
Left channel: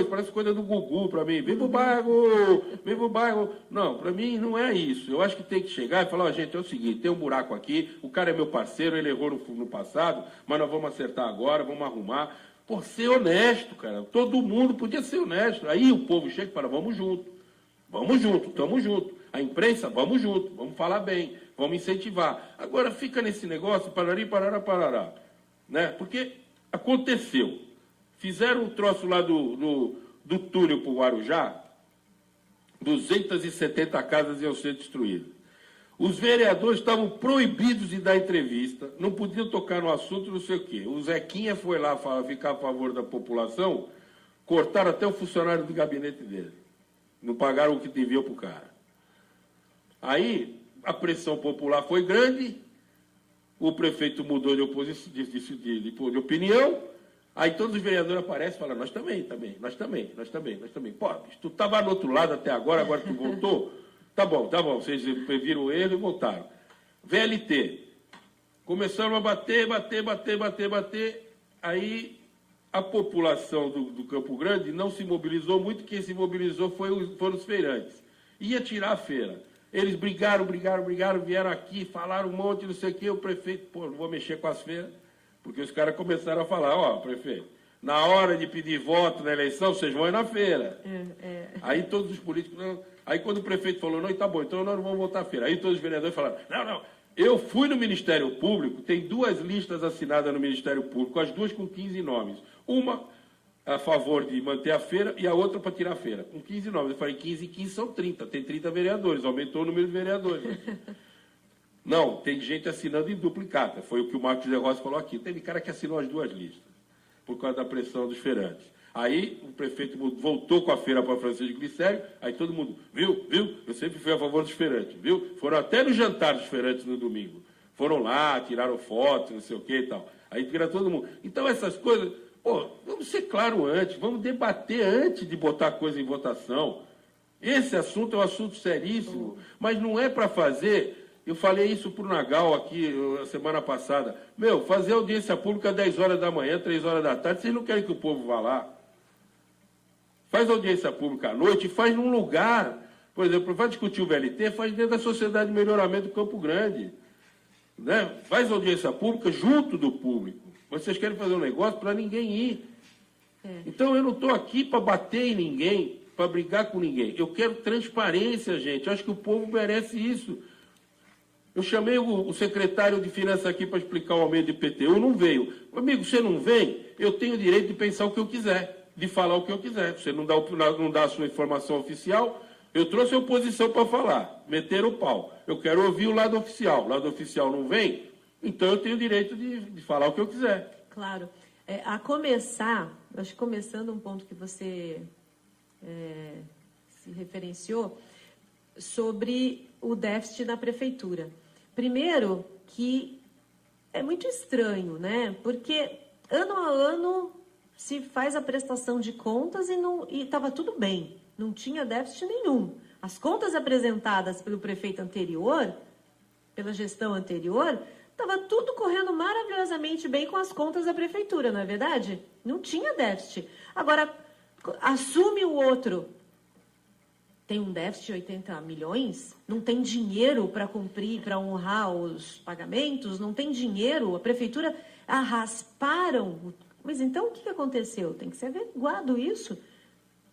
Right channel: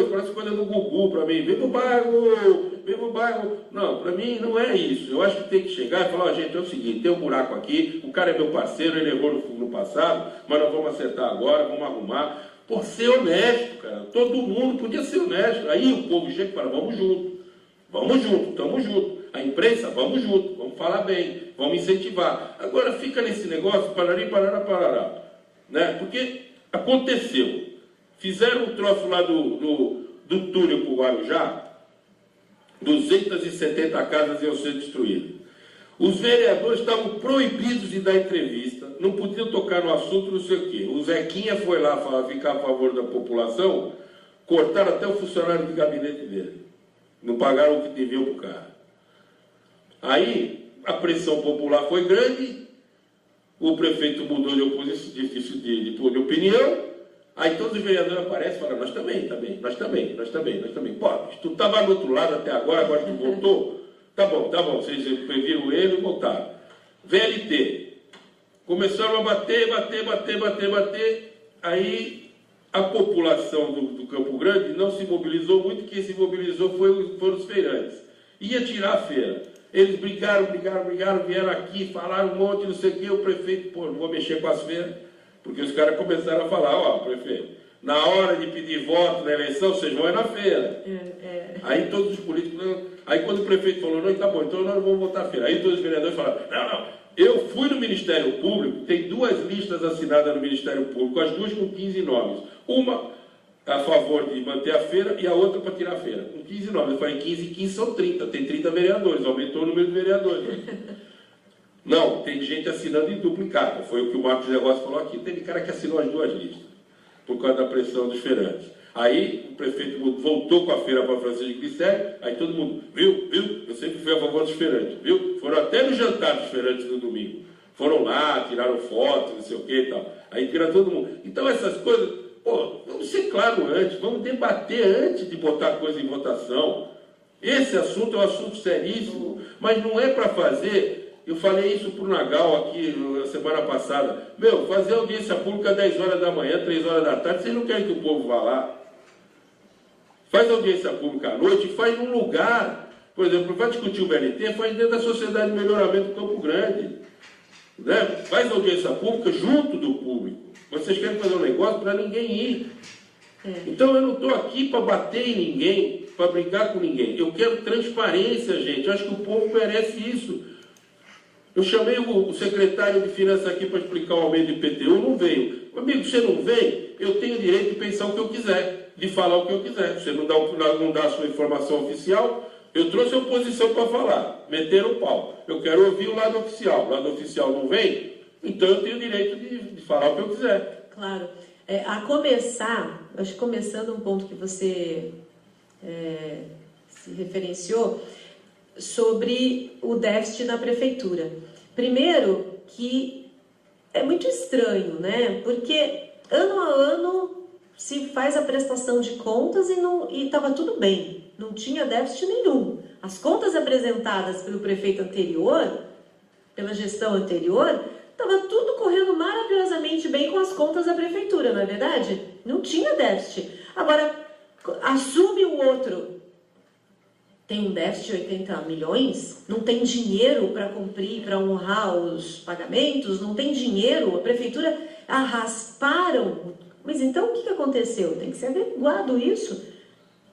isso parece coisa do Gugu para mim, viva o bairro. Não, para mim não é isso. Eu acho que tem que chegar e falar, gente, é o seguinte, tem um buraco aqui, o cara é meu parceiro, ele errou no passado, mas nós vamos acertar agora, vamos arrumar. Por ser honesto, cara, todo mundo podia ser honesto. Aí o povo chega e fala, vamos junto, estamos juntos. A imprensa, vamos junto, vamos falar bem, vamos incentivar. Agora fica nesse negócio, parará, né? Porque aconteceu. Fizeram um troço lá do túnel para o Guarujá, 270 casas iam ser destruídas. Os vereadores estavam proibidos de dar entrevista, não podiam tocar no assunto, não sei o quê. O Zequinha foi lá ficar a favor da população, cortaram até o funcionário do gabinete dele. Não pagaram o que deviam para o cara. Aí, a pressão popular foi grande, o prefeito mudou de opinião, aí todos os vereadores aparecem e falam, nós também. Pô, tu estava do outro lado até agora tu voltou? Tá bom, vocês previram o erro e voltaram. VLT. Começaram a bater, aí a população do Campo Grande não se mobilizou muito, quem se mobilizou foram os feirantes. Ia tirar a feira. Eles brigaram, vieram aqui, falaram um monte, não sei o quê, o prefeito, não vou mexer com as feiras, porque os caras começaram a falar, prefeito, na hora de pedir voto na eleição, vocês vão ir na feira. Aí todos os políticos... Aí quando o prefeito falou, não, tá bom, então nós não vamos votar a feira. Aí todos os vereadores falaram, não, eu fui no Ministério Público, tem 2 listas assinadas no Ministério Público, as 2 com 15 nomes. Uma a favor de manter a feira e a outra para tirar a feira. Com 15 nomes. Eu falei, 15 e 15 são 30, tem 30 vereadores, aumentou o número de vereadores. Não, tem gente assinando em duplicado, foi o que o Marcos Negócio falou aqui. Tem cara que assinou as 2 listas, por causa da pressão dos feirantes. Aí o prefeito voltou com a feira para Francisco Glicério, aí todo mundo, viu? Eu sempre fui a favor dos feirantes, viu? Foram até no jantar dos feirantes no domingo. Foram lá, tiraram fotos, não sei o que e tal. Aí tira todo mundo. Então essas coisas, vamos ser claro antes, vamos debater antes de botar coisa em votação. Esse assunto é um assunto seríssimo, mas não é para fazer... Eu falei isso para o Nagal aqui na semana passada. Fazer audiência pública às 10 horas da manhã, 3 horas da tarde, vocês não querem que o povo vá lá? Faz audiência pública à noite e faz num lugar. Por exemplo, vai discutir o VLT, faz dentro da Sociedade de Melhoramento do Campo Grande. né? Faz audiência pública junto do público. Vocês querem fazer um negócio para ninguém ir. Então eu não estou aqui para bater em ninguém, para brigar com ninguém. Eu quero transparência, gente. Eu acho que o povo merece isso. Eu chamei o secretário de Finanças aqui para explicar o aumento do IPTU, não veio. Amigo, você não vem, eu tenho o direito de pensar o que eu quiser, de falar o que eu quiser. Você não dá a sua informação oficial, eu trouxe a oposição para falar, meter o pau. Eu quero ouvir o lado oficial não vem, então eu tenho o direito de falar o que eu quiser. Claro. A começar, acho que começando um ponto que você se referenciou, sobre o déficit na prefeitura. Primeiro, que é muito estranho, né? Porque ano a ano se faz a prestação de contas e estava tudo bem, não tinha déficit nenhum. As contas apresentadas pelo prefeito anterior, pela gestão anterior, estava tudo correndo maravilhosamente bem com as contas da prefeitura, não é verdade? Não tinha déficit. Agora, assume o outro. Tem um déficit de 80 milhões, não tem dinheiro para cumprir, para honrar os pagamentos, não tem dinheiro, a prefeitura rasparam. Mas então o que aconteceu? Tem que ser averiguado isso.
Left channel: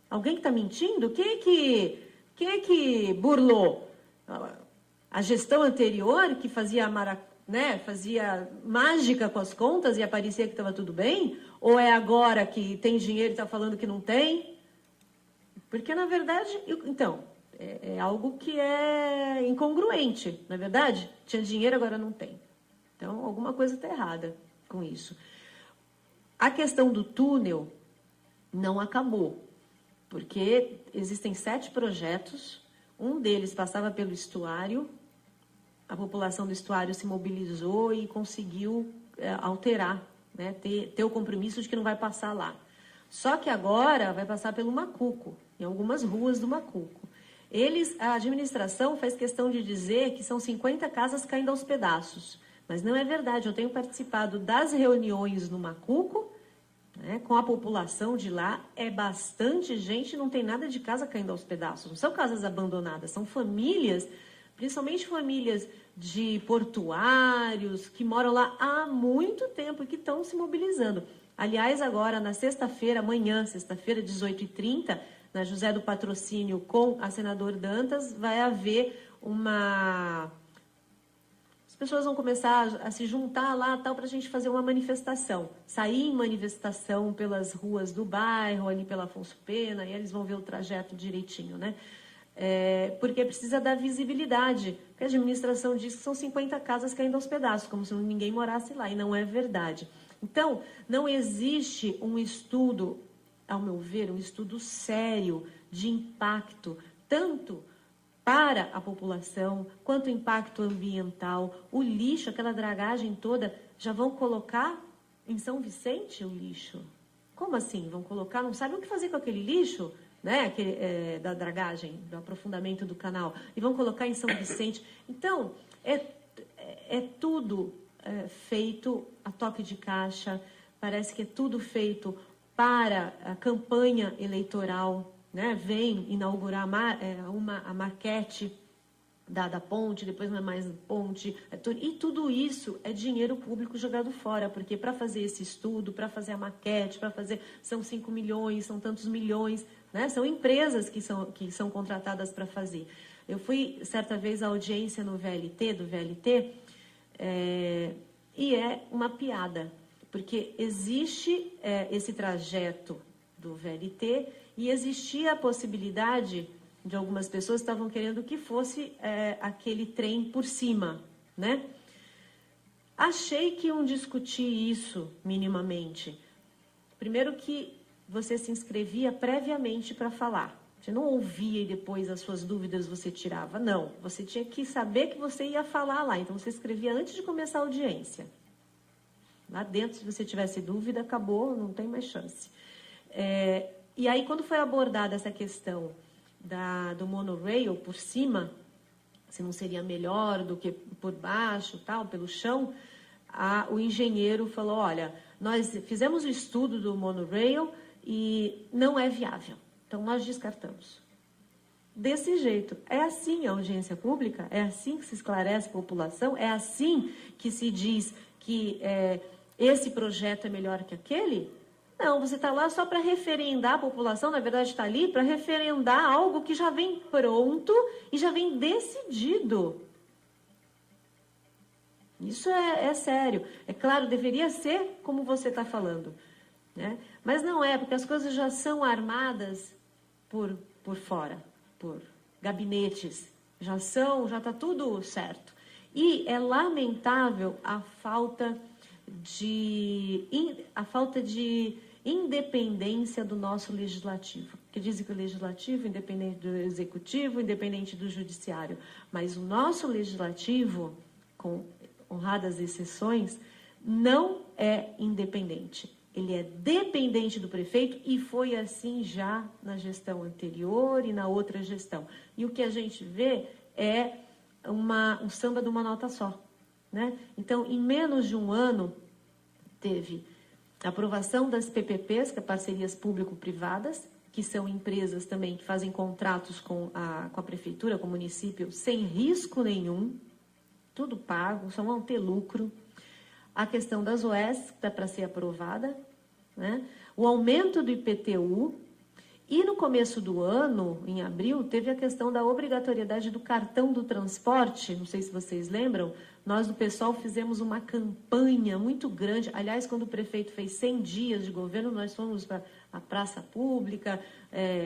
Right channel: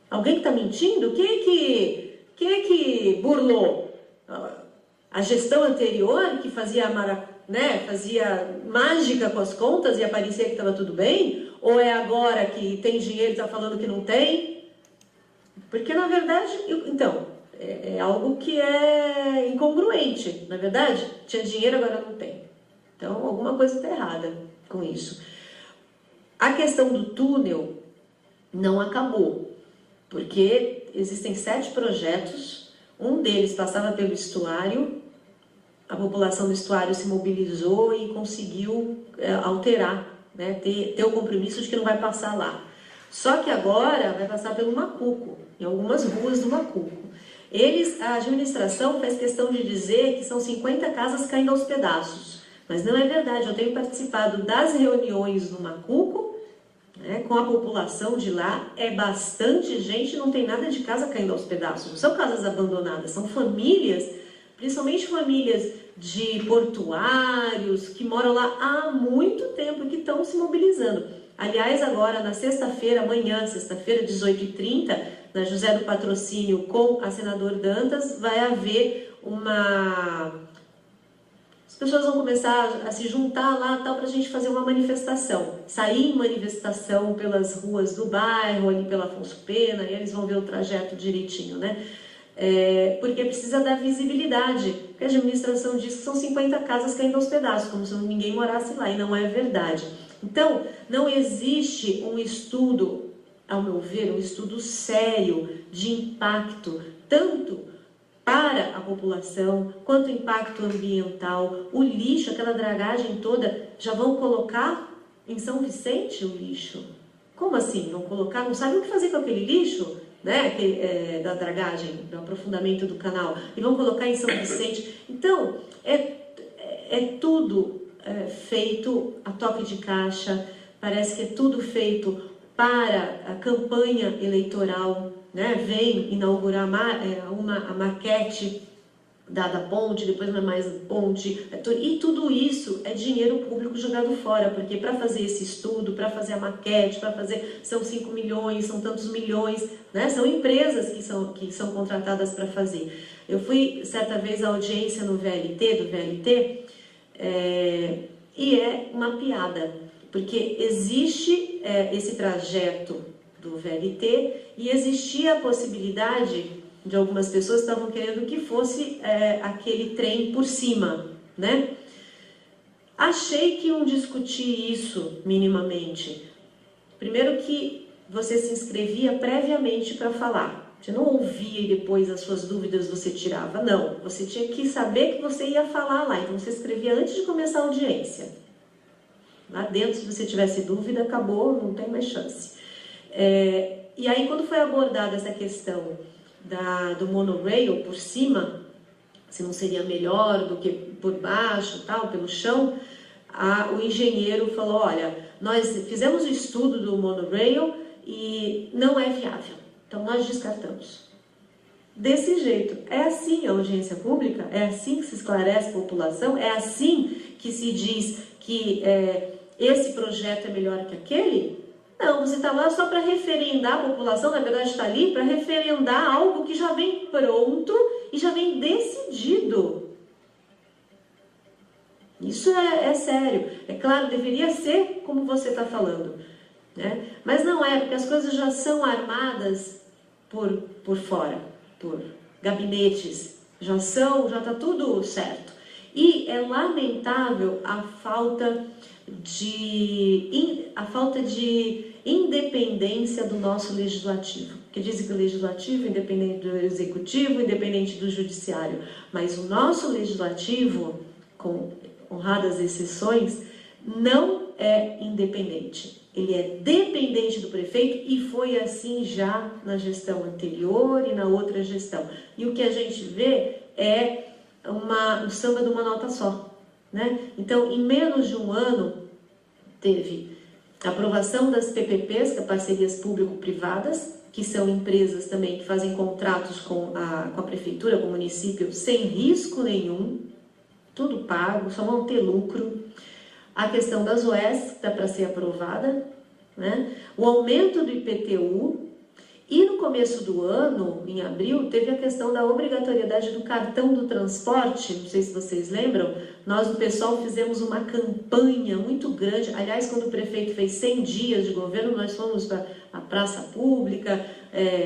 Alguém que está mentindo? Quem é que burlou? A gestão anterior, que fazia mágica com as contas e parecia que estava tudo bem? Ou é agora que tem dinheiro e está falando que não tem? Porque, na verdade, então, é algo que é incongruente. Na verdade, tinha dinheiro, agora não tem. Então, alguma coisa está errada com isso. A questão do túnel não acabou, porque existem 7 projetos, um deles passava pelo estuário, a população do estuário se mobilizou e conseguiu alterar, né, ter o compromisso de que não vai passar lá. Só que agora vai passar pelo Macuco, em algumas ruas do Macuco. A administração faz questão de dizer que são 50 casas caindo aos pedaços, mas não é verdade. Eu tenho participado das reuniões no Macuco, né, com a população de lá, é bastante gente, não tem nada de casa caindo aos pedaços, não são casas abandonadas, são famílias, principalmente famílias de portuários, que moram lá há muito tempo e que estão se mobilizando. Aliás, agora na sexta-feira, amanhã, sexta-feira, 18h30, na José do Patrocínio, com a senadora Dantas, vai haver as pessoas vão começar a se juntar lá para a gente fazer uma manifestação. Sair em manifestação pelas ruas do bairro, ali pela Afonso Pena, e eles vão ver o trajeto direitinho, né? Porque precisa dar visibilidade. A administração diz que são 50 casas caindo aos pedaços, como se ninguém morasse lá, e não é verdade. Então, não existe um estudo, ao meu ver, um estudo sério de impacto, tanto para a população, quanto impacto ambiental. O lixo, aquela dragagem toda, já vão colocar em São Vicente o lixo? Como assim? Vão colocar? Não sabem o que fazer com aquele lixo, né? Da dragagem, do aprofundamento do canal, e vão colocar em São Vicente. Então, é tudo feito a toque de caixa, parece que é tudo feito para a campanha eleitoral, né? Vem inaugurar a maquete da ponte, depois não é mais ponte, e tudo isso é dinheiro público jogado fora, porque para fazer esse estudo, para fazer a maquete, são 5 milhões, são tantos milhões, né? São empresas que são contratadas para fazer. Eu fui certa vez à audiência no VLT, e é uma piada, porque existe esse trajeto do VLT e existia a possibilidade de algumas pessoas que estavam querendo que fosse aquele trem por cima, né? Achei que iam discutir isso minimamente. Primeiro que você se inscrevia previamente para falar. Você não ouvia e depois as suas dúvidas você tirava. Não, você tinha que saber que você ia falar lá. Então você escrevia antes de começar a audiência. Lá dentro, se você tivesse dúvida, acabou, não tem mais chance. E aí, quando foi abordada essa questão do monorail por cima, se não seria melhor do que por baixo, tal, pelo chão, o engenheiro falou, olha, nós fizemos o estudo do monorail e não é viável, então nós descartamos. desse jeito. É assim a audiência pública? É assim que se esclarece a população? É assim que se diz que esse projeto é melhor que aquele? Não, você está lá só para referendar a população, na verdade está ali para referendar algo que já vem pronto e já vem decidido. Isso é sério. É claro, deveria ser como você está falando, né? Mas não é, porque as coisas já são armadas por fora, por gabinetes, já está tudo certo. E é lamentável a falta de independência do nosso legislativo. Porque dizem que o legislativo é independente do executivo, independente do judiciário. Mas o nosso legislativo, com honradas exceções, não é independente. Ele é dependente do prefeito e foi assim já na gestão anterior e na outra gestão. E o que a gente vê é um samba de uma nota só, né? Então, em menos de um ano, teve a aprovação das PPPs, que é parcerias público-privadas, que são empresas também que fazem contratos com a prefeitura, com o município, sem risco nenhum, tudo pago, só vão ter lucro. A questão das OES, que está para ser aprovada, né? O aumento do IPTU. E no começo do ano, em abril, teve a questão da obrigatoriedade do cartão do transporte. Não sei se vocês lembram, nós do PSOL fizemos uma campanha muito grande. Aliás, quando o prefeito fez 100 dias de governo, nós fomos para a praça pública,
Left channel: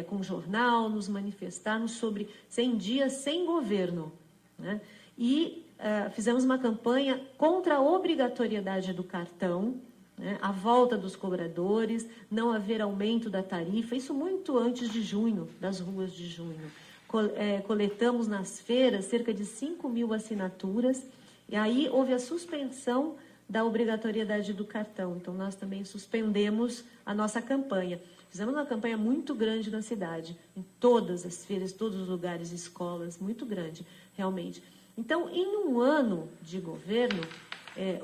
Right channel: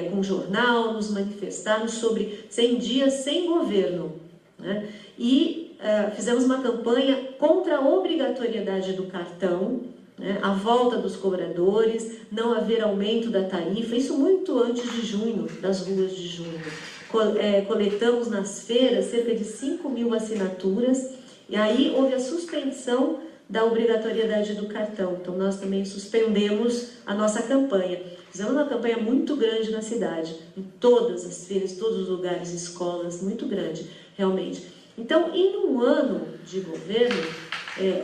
com jornal, nos manifestarmos sobre 100 dias sem governo, né? E fizemos uma campanha contra a obrigatoriedade do cartão, né, a volta dos cobradores, não haver aumento da tarifa, isso muito antes de junho, das ruas de junho. Coletamos nas feiras cerca de 5.000 assinaturas, e aí houve a suspensão da obrigatoriedade do cartão. Então nós também suspendemos a nossa campanha. Fizemos uma campanha muito grande na cidade, em todas as feiras, todos os lugares, escolas, muito grande, realmente. Então, em um ano de governo,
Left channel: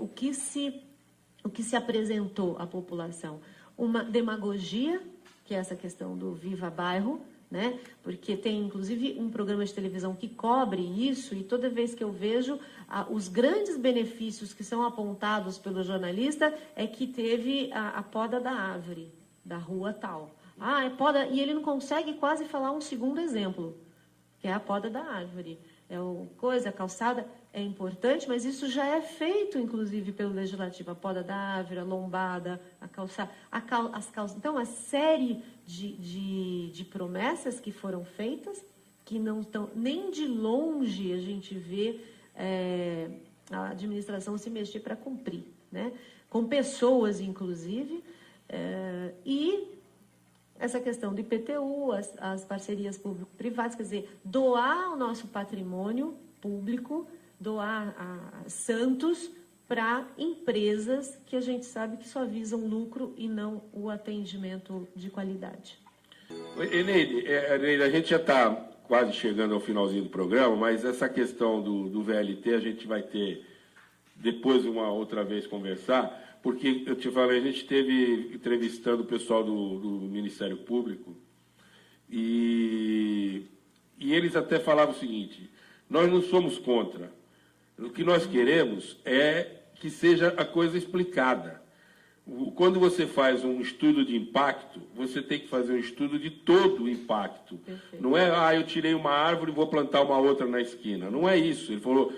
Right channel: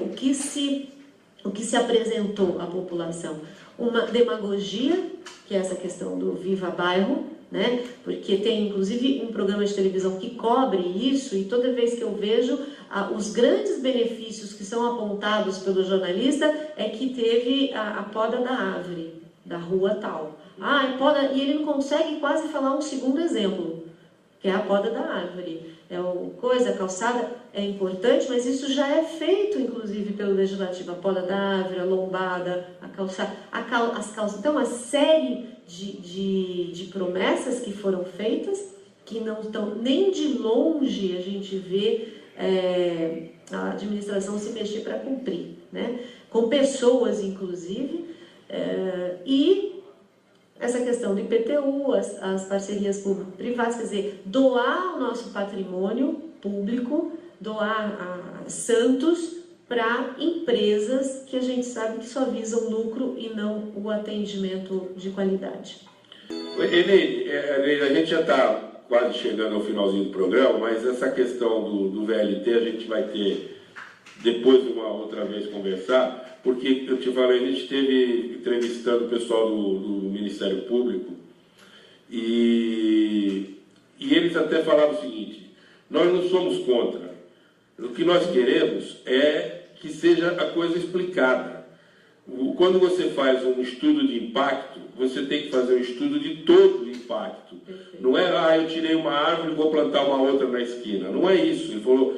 o que se apresentou à população? Uma demagogia, que é essa questão do Viva Bairro, né? Porque tem inclusive um programa de televisão que cobre isso, e toda vez que eu vejo os grandes benefícios que são apontados pelo jornalista é que teve a poda da árvore, da rua tal. É poda, e ele não consegue quase falar um segundo exemplo, que é a poda da árvore. A calçada é importante, mas isso já é feito, inclusive, pelo Legislativo. A poda da árvore, a lombada, a calçada, as calças. Então, uma série de promessas que foram feitas, que não estão nem de longe a gente vê a administração se mexer para cumprir, né? Com pessoas, inclusive, e essa questão do IPTU, as parcerias público-privadas, quer dizer, doar o nosso patrimônio público, doar a Santos para empresas que a gente sabe que só visam lucro e não o atendimento de qualidade. Elaine, a gente já está quase chegando ao finalzinho do programa, mas essa questão do VLT a gente vai ter depois uma outra vez conversar, porque eu te falei, a gente esteve entrevistando o pessoal do Ministério Público e eles até falavam o seguinte: nós não somos contra, o que nós queremos é que seja a coisa explicada. Quando você faz um estudo de impacto, você tem que fazer um estudo de todo o impacto. Perfeito. Não é, eu tirei uma árvore e vou plantar uma outra na esquina. Não é isso. Ele falou,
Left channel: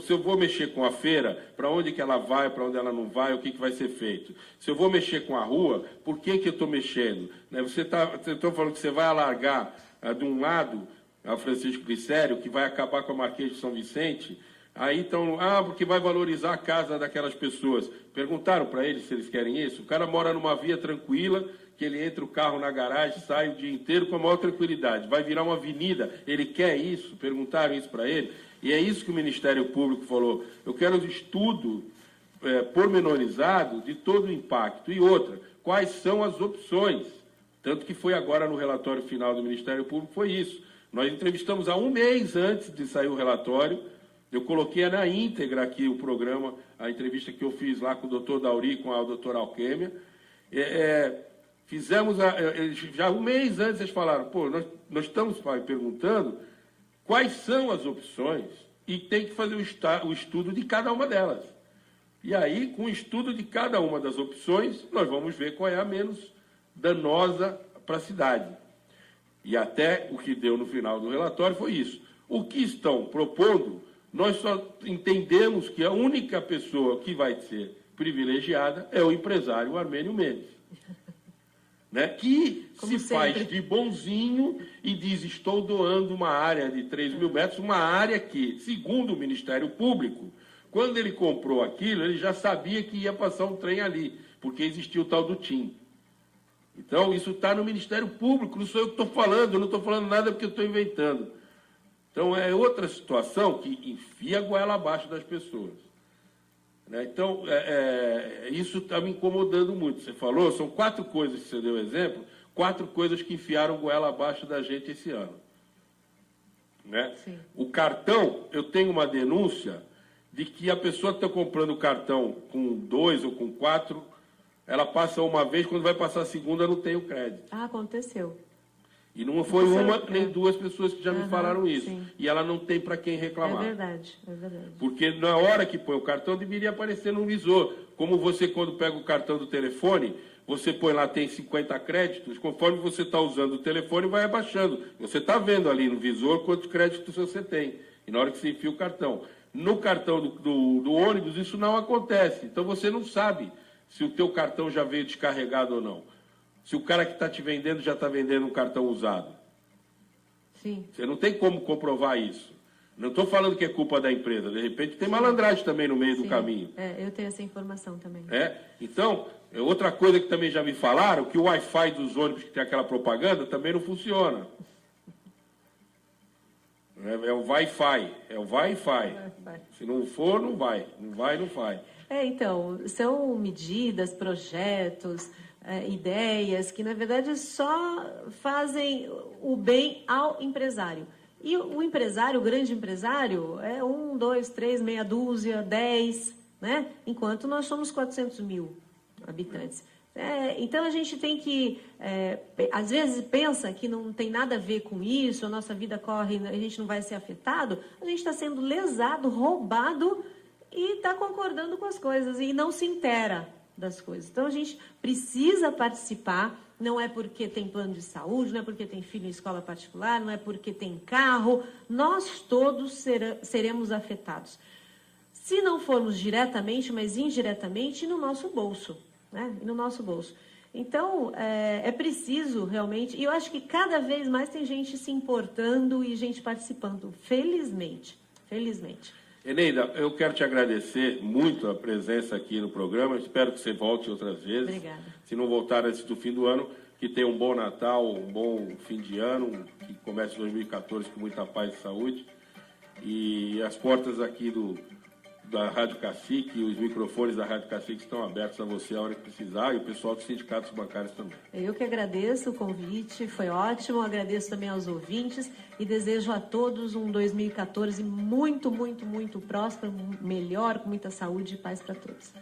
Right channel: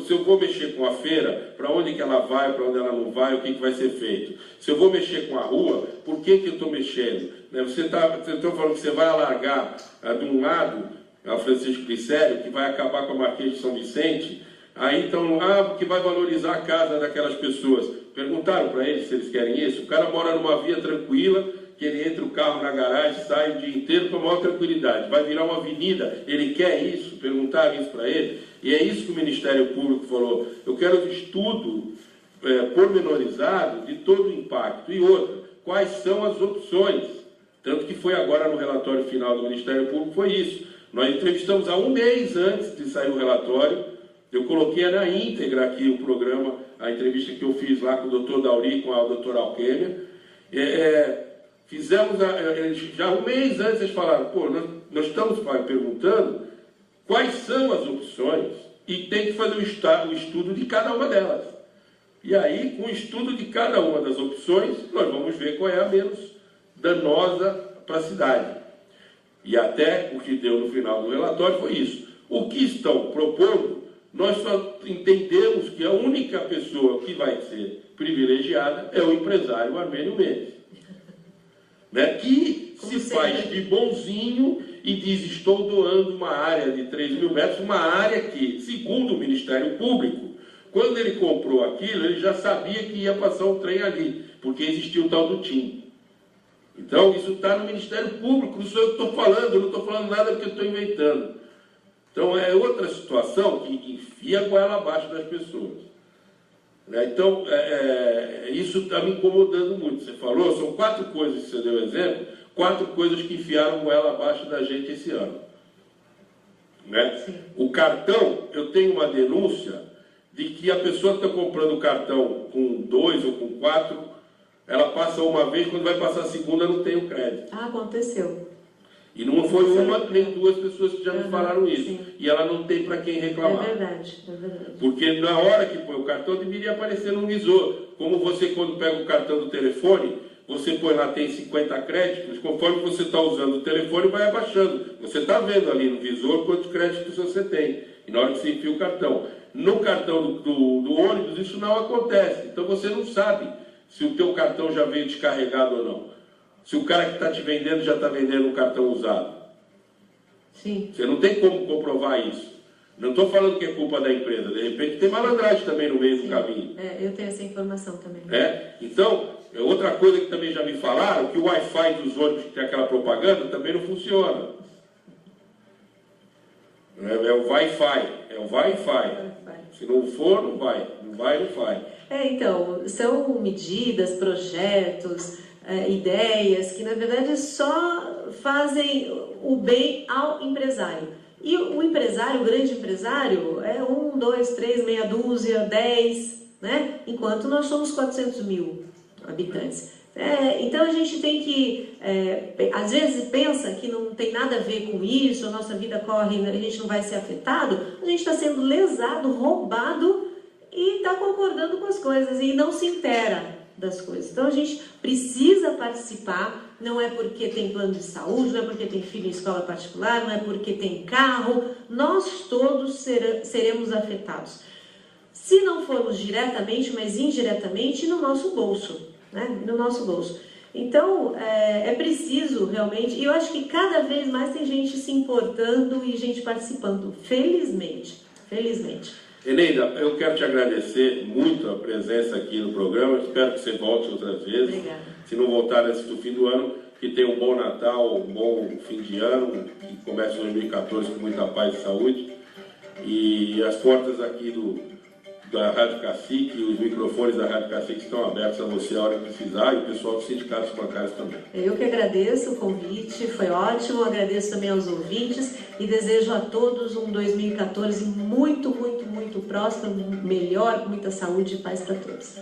se eu vou mexer com a feira, para onde que ela vai, para onde ela não vai, o que vai ser feito. Se eu vou mexer com a rua, por que eu estou mexendo? Você está falando que você vai alargar de um lado a Francisco Glicério, que vai acabar com a Marquês de São Vicente, aí então, porque vai valorizar a casa daquelas pessoas. Perguntaram para eles se eles querem isso? O cara mora numa via tranquila, que ele entra o carro na garagem, sai o dia inteiro com a maior tranquilidade. Vai virar uma avenida, ele quer isso? Perguntaram isso para ele? E é isso que o Ministério Público falou. Eu quero o estudo pormenorizado de todo o impacto. E outra, quais são as opções? Tanto que foi agora no relatório final do Ministério Público, foi isso. Nós entrevistamos há um mês antes de sair o relatório. Eu coloquei na íntegra aqui o programa, a entrevista que eu fiz lá com o doutor Dauri, com a doutora Alquêmia. fizemos, já um mês antes eles falaram, pô, nós estamos perguntando quais são as opções e tem que fazer o estudo de cada uma delas. E aí, com o estudo de cada uma das opções, nós vamos ver qual é a menos danosa para a cidade. E até o que deu no final do relatório foi isso. O que estão propondo, nós só entendemos que a única pessoa que vai ser privilegiada é o empresário Armênio Mendes, né? Que como se faz de bonzinho e diz, estou doando uma área de 3.000 metros, uma área que, segundo o Ministério Público, quando ele comprou aquilo, ele já sabia que ia passar um trem ali, porque existia o tal do TIM. Então, isso está no Ministério Público, não sou eu que estou falando, eu não estou falando nada porque eu estou inventando. Então, é outra situação que enfia a goela abaixo das pessoas. Então, isso está me incomodando muito. Você falou, são 4 coisas que você deu exemplo, 4 coisas que enfiaram goela abaixo da gente esse ano. Né? O cartão, eu tenho uma denúncia de que a pessoa que está comprando o cartão com 2 ou com 4, ela passa uma vez, quando vai passar a segunda não tem o crédito. Ah, aconteceu. E não foi uma nem 2 pessoas que já me falaram isso. Sim. E ela não tem para quem reclamar. É verdade. Porque na hora que põe o cartão, deveria aparecer no visor. Como você, quando pega o cartão do telefone, você põe lá, tem 50 créditos, conforme você está usando o telefone, vai abaixando. Você está vendo ali no visor quantos créditos você tem. E na hora que você enfia o cartão. No cartão do ônibus, isso não acontece. Então você não sabe se o teu cartão já veio descarregado ou não. Se o cara que está te vendendo já está vendendo um cartão usado. Sim. Você não tem como comprovar isso. Não estou falando que é culpa da empresa. De repente tem malandragem também no meio do caminho. Eu tenho essa informação também. Então, outra coisa que também já me falaram, que o Wi-Fi dos ônibus que tem aquela propaganda também não funciona. É o Wi-Fi. É o Wi-Fi. Se não for, não vai. Não vai, não vai. Então, são medidas, projetos, ideias que, na verdade, só fazem o bem ao empresário. E o empresário, o grande empresário, é 1, 2, 3, meia dúzia, 10, né? Enquanto nós somos 400 mil habitantes. Então a gente tem que, às vezes pensa que não tem nada a ver com isso, a nossa vida corre, a gente não vai ser afetado, a gente está sendo lesado, roubado e está concordando com as coisas e não se intera das coisas. Então a gente precisa participar, não é porque tem plano de saúde, não é porque tem filho em escola particular, não é porque tem carro, nós todos seremos afetados. Se não formos diretamente, mas indiretamente, no nosso bolso. Né? No nosso bolso. Então, é preciso realmente, e eu acho que cada vez mais tem gente se importando e gente participando, felizmente. Eneida, eu quero te agradecer muito a presença aqui no programa, espero que você volte outras vezes. Obrigada. Se não voltar antes do fim do ano, que tenha um bom Natal, um bom fim de ano, que comece 2014 com muita paz e saúde. E as portas aqui da Rádio Cacique, os microfones da Rádio Cacique estão abertos a você a hora que precisar e o pessoal dos sindicatos bancários também. Eu que agradeço o convite, foi ótimo, agradeço também aos ouvintes e desejo a todos um 2014 muito próspero, melhor, com muita saúde e paz para todos.